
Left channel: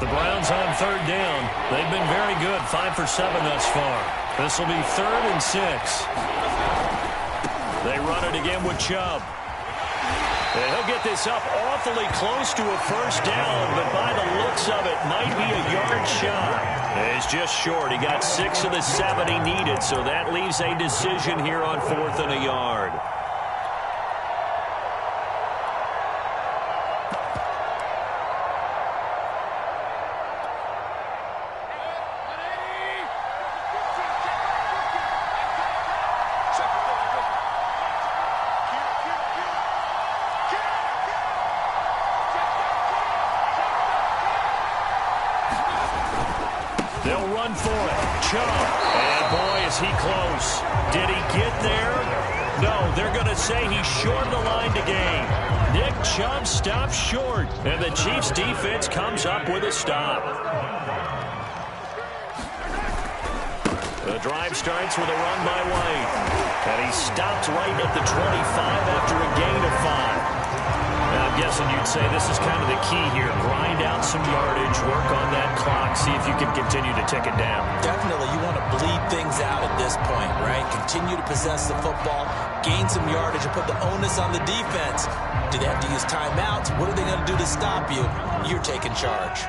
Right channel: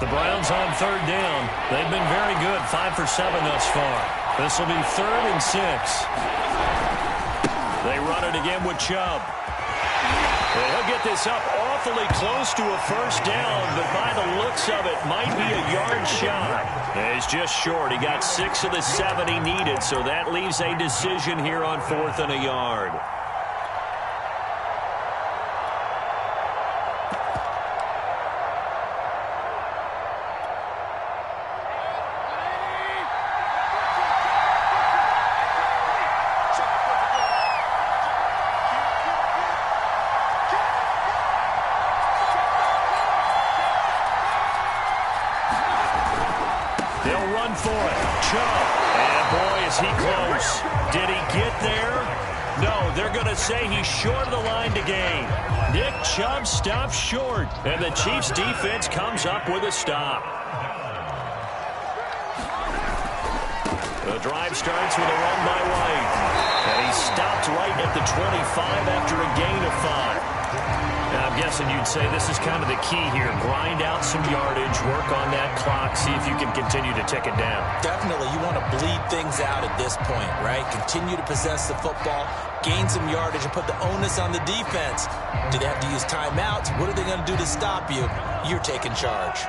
The Browns on third down. They've been very good, 5 for 7 thus far. This will be 3rd and 6. They run it again with Chubb. And he'll get this up awfully close to a first down, but by the looks of it, might be a yard shy. And he's just short. He got 6 of the 7 he needed, so that leaves a decision here on 4th and a yard. They'll run for it. Chubb. And boy, is he close. Did he get there? No, they're going to say he's short of the line to gain. Nick Chubb stops short. And the Chiefs defense comes up with a stop. The drive starts with a run by White. And he stopped right at the 25 after a gain of 5. Now, I'm guessing you'd say this is kind of the key here. Grind out some yardage, work on that clock, see if you can continue to tick it down. Definitely, you want to bleed things out at this point, right? Continue to possess the football, gain some yardage, and put the onus on the defense. Do they have to use timeouts? What are they going to do to stop you? You're taking charge.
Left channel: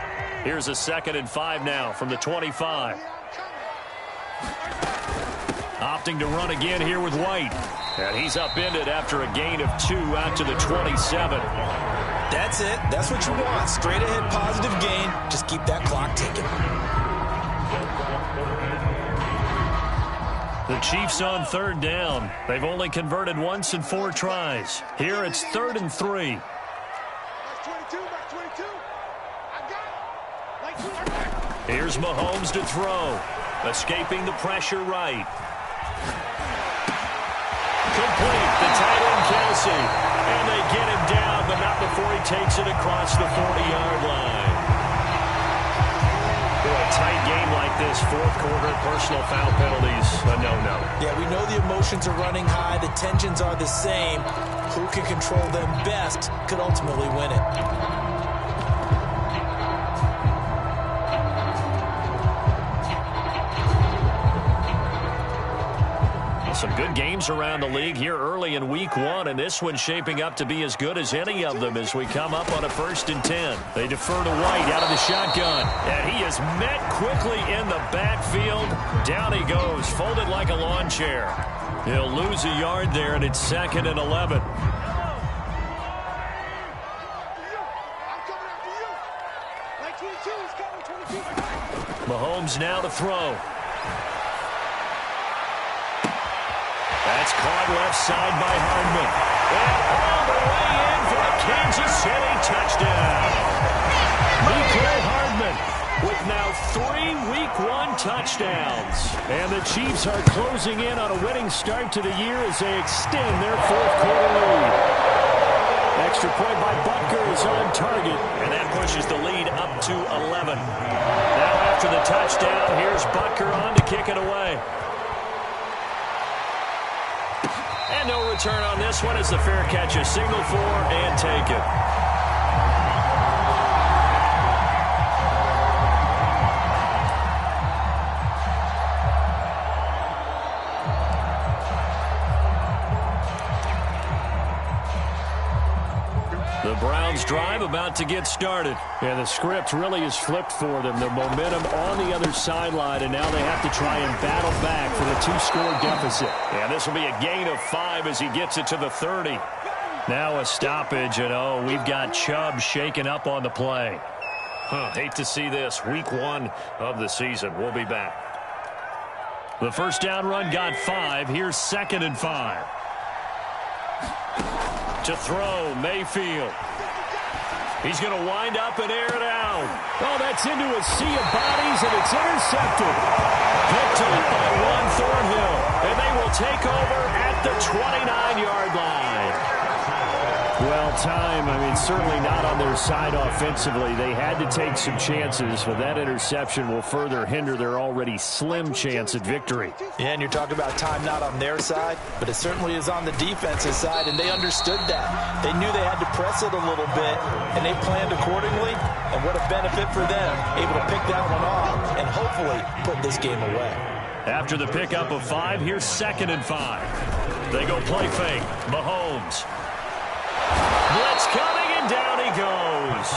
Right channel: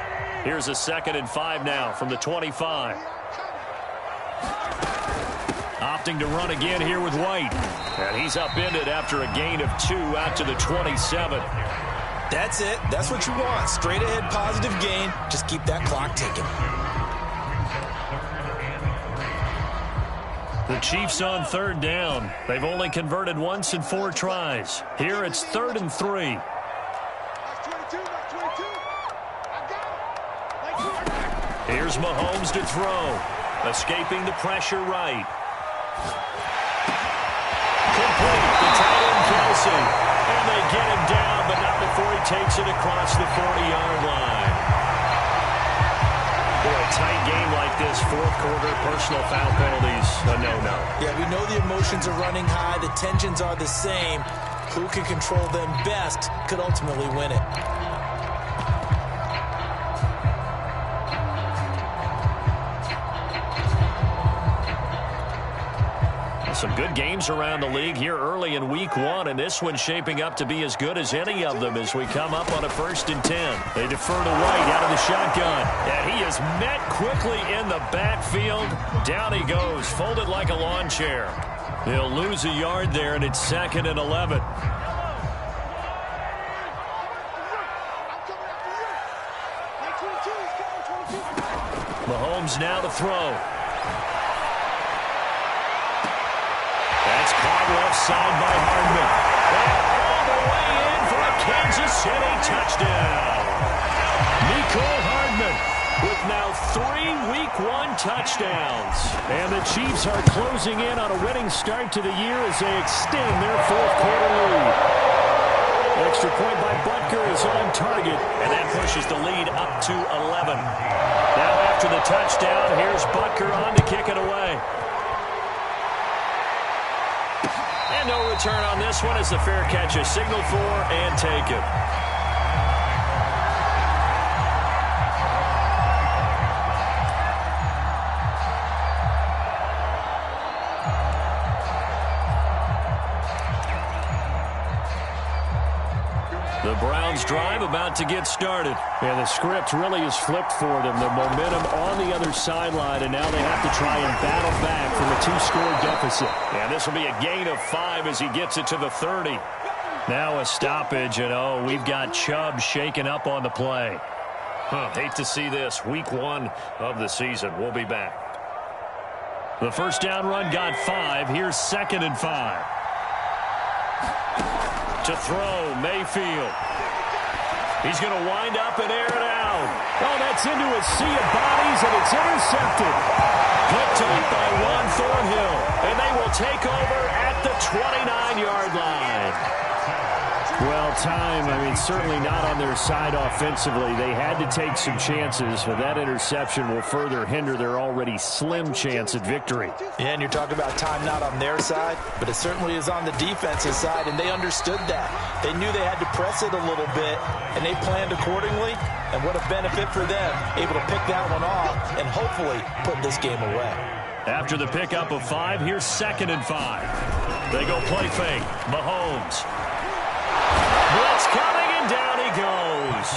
Here's a 2nd and 5 now from the 25. Opting to run again here with White. And he's upended after a gain of 2 out to the 27. That's it. That's what you want. Straight ahead positive gain. Just keep that clock ticking. The Chiefs on third down. They've only converted once in 4 tries. Here it's 3rd and 3. Here's Mahomes to throw. Escaping the pressure right. Complete. The tight end, Kelsey. And they get him down, but not before he takes it across the 40-yard line. Boy, a tight game like this, 4th quarter, personal foul penalties, a no-no. Yeah, we know the emotions are running high. The tensions are the same. Who can control them best could ultimately win it. Some good games around the league here early in week 1, and this one's shaping up to be as good as any of them as we come up on a 1st and 10. They defer to White out of the shotgun, and he is met quickly in the backfield. Down he goes, folded like a lawn chair. He'll lose a yard there, and it's 2nd and 11. Mahomes now to throw. That's caught left side by Hardman. And all the way in for a Kansas City touchdown. Mecole Hardman with now 3 Week 1 touchdowns. And the Chiefs are closing in on a winning start to the year as they extend their 4th quarter lead. Extra point by Butker is on target, and that pushes the lead up to 11. Now after the touchdown, here's Butker on to kick it away. And no return on this one as the fair catch is signaled for and taken. The Browns drive about to get started. Yeah, the script really is flipped for them. The momentum on the other sideline, and now they have to try and battle back from a 2-score deficit. Yeah, this will be a gain of 5 as he gets it to the 30. Now a stoppage, and we've got Chubb shaken up on the play. Hate to see this. Week 1 of the season. We'll be back. The first down run got 5. Here's 2nd and 5. To throw, Mayfield. He's going to wind up and air it out. Oh, that's into a sea of bodies, and it's intercepted. Picked up by Juan Thornhill, and they will take over at the 29-yard line. Well, certainly not on their side offensively. They had to take some chances, but that interception will further hinder their already slim chance at victory. Yeah, and you're talking about time not on their side, but it certainly is on the defensive side, and they understood that. They knew they had to press it a little bit, and they planned accordingly, and what a benefit for them, able to pick that one off and hopefully put this game away. After the pickup of 5, here's 2nd and 5. They go play fake. Mahomes. Blitz coming, and down he goes.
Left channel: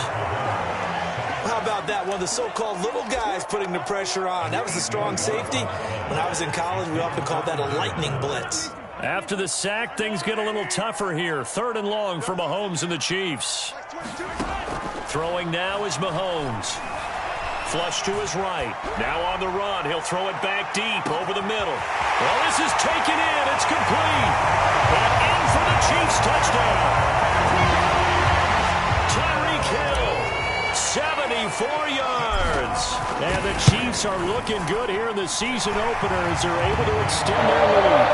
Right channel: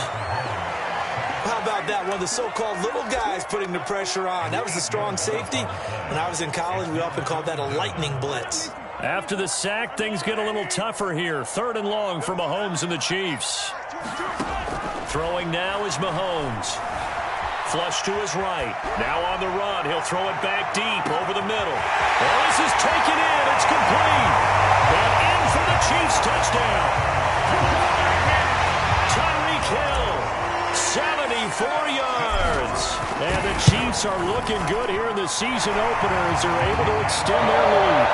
How about that? One of the so-called little guys putting the pressure on. That was the strong safety. When I was in college, we often called that a lightning blitz. After the sack, things get a little tougher here. 3rd and long for Mahomes and the Chiefs. Throwing now is Mahomes. Flush to his right. Now on the run. He'll throw it back deep over the middle. Well, this is taken in. It's complete. And in for the Chiefs touchdown. Tyreek Hill, 74 yards. And the Chiefs are looking good here in the season opener as they're able to extend their lead.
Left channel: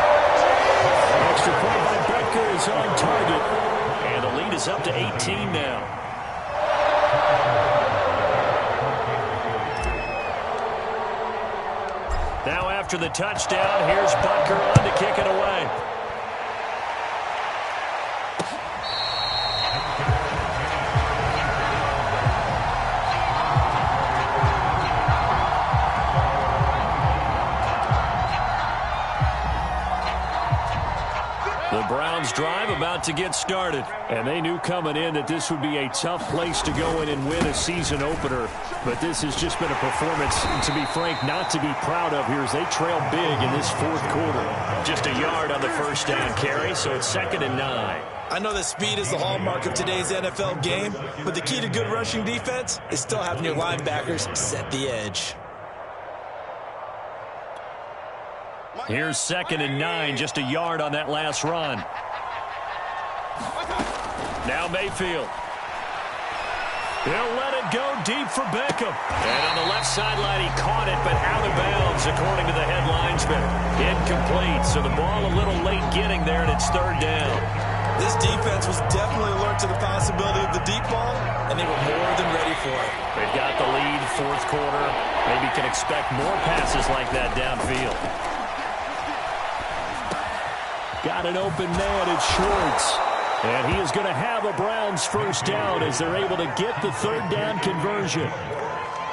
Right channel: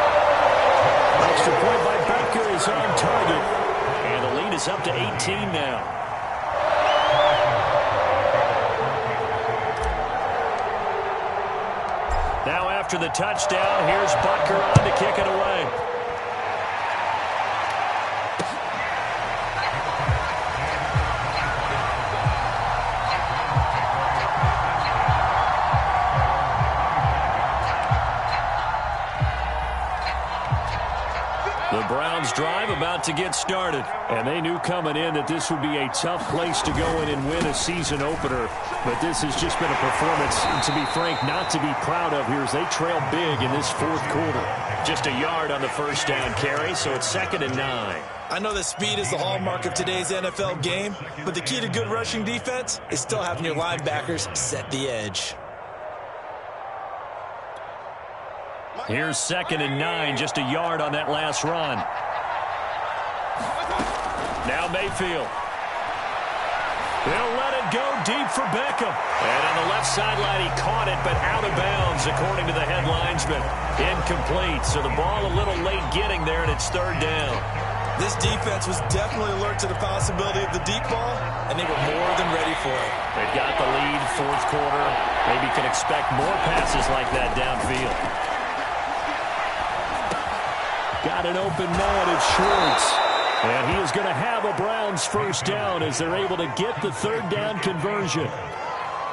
Extra point by Butker is on target. And the lead is up to 18 now. Now after the touchdown, here's Butker on to kick it away. The Browns drive about to get started. And they knew coming in that this would be a tough place to go in and win a season opener. But this has just been a performance, to be frank, not to be proud of here as they trail big in this 4th quarter. Just a yard on the first down carry, so it's 2nd and 9. I know that speed is the hallmark of today's NFL game, but the key to good rushing defense is still having your linebackers set the edge. Here's 2nd and 9, just a yard on that last run. Now Mayfield. He'll let it go deep for Beckham. And on the left sideline, he caught it, but out of bounds, according to the head linesman. Incomplete, so the ball a little late getting there, and it's 3rd down. This defense was definitely alert to the possibility of the deep ball, and they were more than ready for it. They've got the lead, 4th quarter. Maybe can expect more passes like that downfield. Got an open man, it's Schwartz. And he is going to have a Browns first down as they're able to get the 3rd down conversion.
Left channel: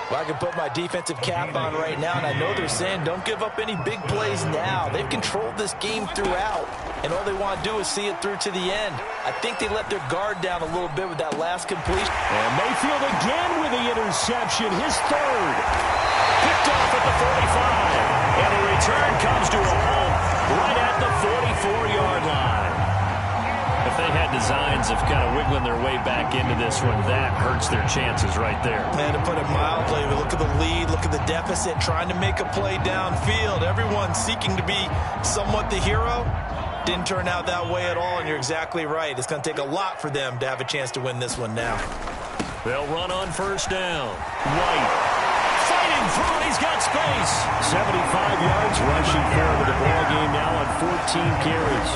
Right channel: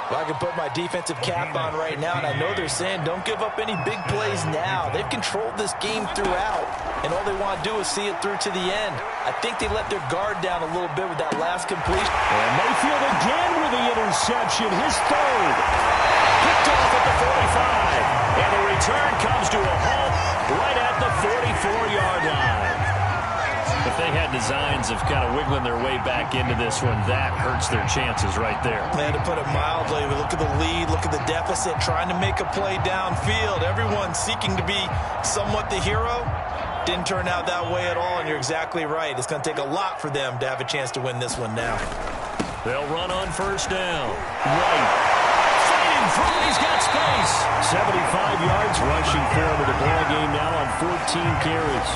Well, I can put my defensive cap on right now, and I know they're saying don't give up any big plays now. They've controlled this game throughout, and all they want to do is see it through to the end. I think they let their guard down a little bit with that last completion. And Mayfield again with the interception, his third. Picked off at the 45, and the return comes to a halt right at the 44-yard line. If they had designs of kind of wiggling their way back into this one, that hurts their chances right there. Man, to put it mildly, look at the lead, look at the deficit, trying to make a play downfield. Everyone seeking to be somewhat the hero. Didn't turn out that way at all, and you're exactly right. It's going to take a lot for them to have a chance to win this one now. They'll run on first down. White fighting through. He's got space. 75 yards rushing for him in the ball game now on 14 carries.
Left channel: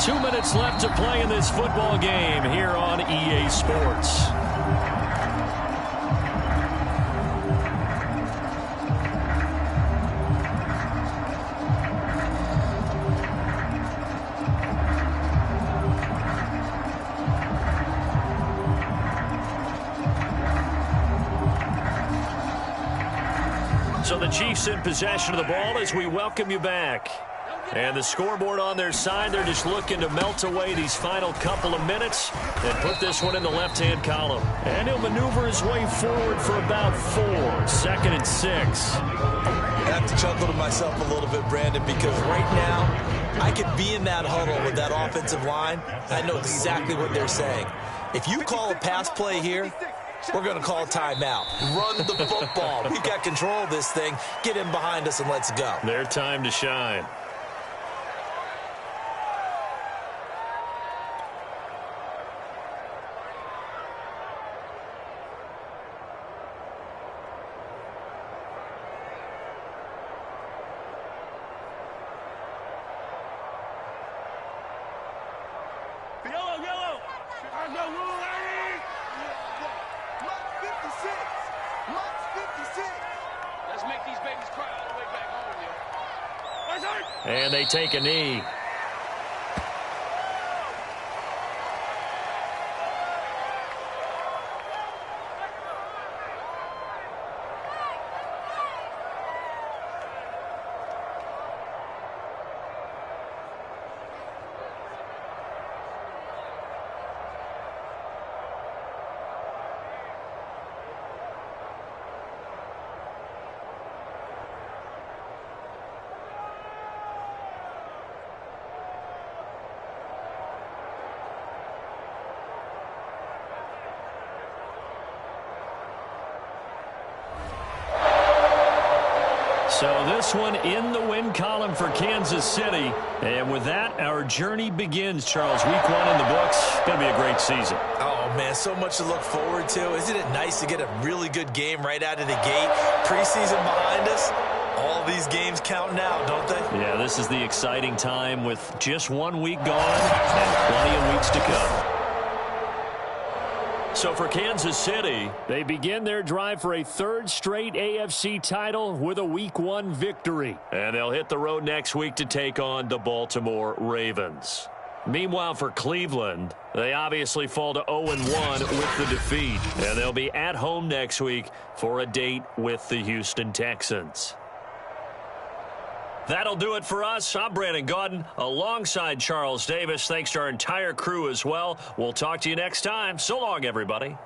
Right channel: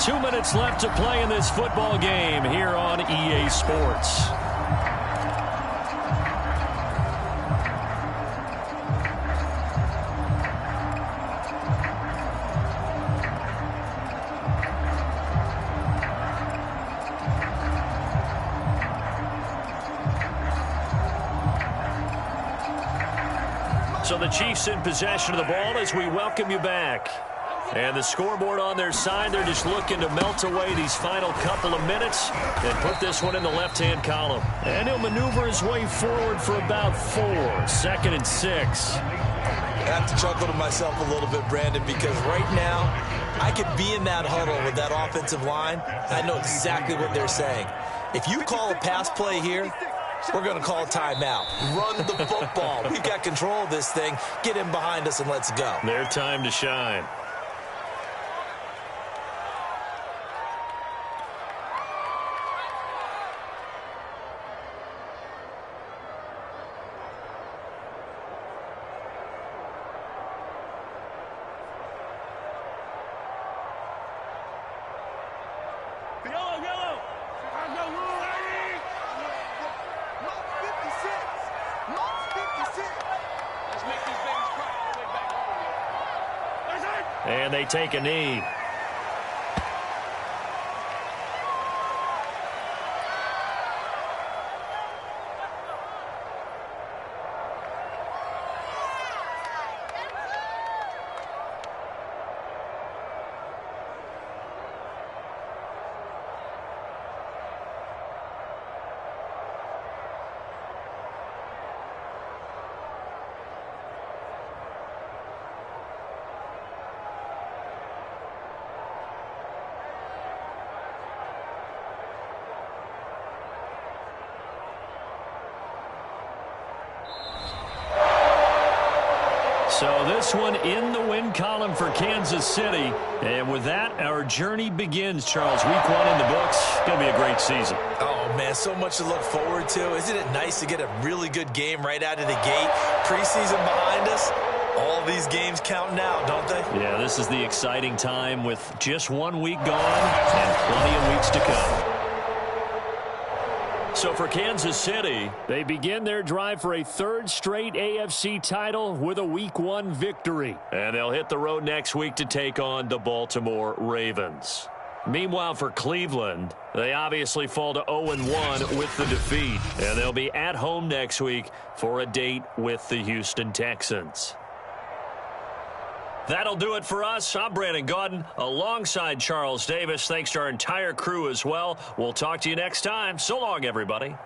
2 minutes left to play in this football game here on EA Sports. So the Chiefs in possession of the ball as we welcome you back. And the scoreboard on their side, they're just looking to melt away these final couple of minutes and put this one in the left-hand column. And he'll maneuver his way forward for about 4. 2nd and 6. I have to chuckle to myself a little bit, Brandon, because right now I could be in that huddle with that offensive line. I know exactly what they're saying. If you call a pass play here, we're going to call a timeout. Run the football. We've got control of this thing. Get in behind us and let's go. Their time to shine. Yellow. I know rule 80. Mark 56. Mark 56. Let's make these babies cry all the way back home, yo. And they take a knee. So this one in the win column for Kansas City. And with that, our journey begins, Charles. Week 1 in the books. Going to be a great season. Oh, man, so much to look forward to. Isn't it nice to get a really good game right out of the gate? Preseason behind us. All these games counting out, don't they? Yeah, this is the exciting time with just 1 week gone and plenty of weeks to come. So for Kansas City, they begin their drive for a 3rd straight AFC title with a Week 1 victory. And they'll hit the road next week to take on the Baltimore Ravens. Meanwhile, for Cleveland, they obviously fall to 0-1 with the defeat. And they'll be at home next week for a date with the Houston Texans. That'll do it for us. I'm Brandon Gaudin alongside Charles Davis. Thanks to our entire crew as well. We'll talk to you next time. So long, everybody.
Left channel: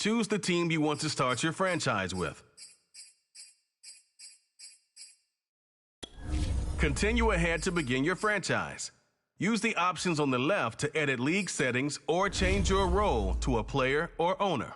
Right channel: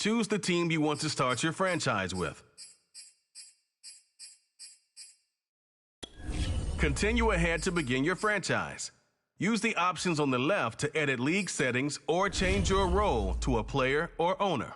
Choose the team you want to start your franchise with. Continue ahead to begin your franchise. Use the options on the left to edit league settings or change your role to a player or owner.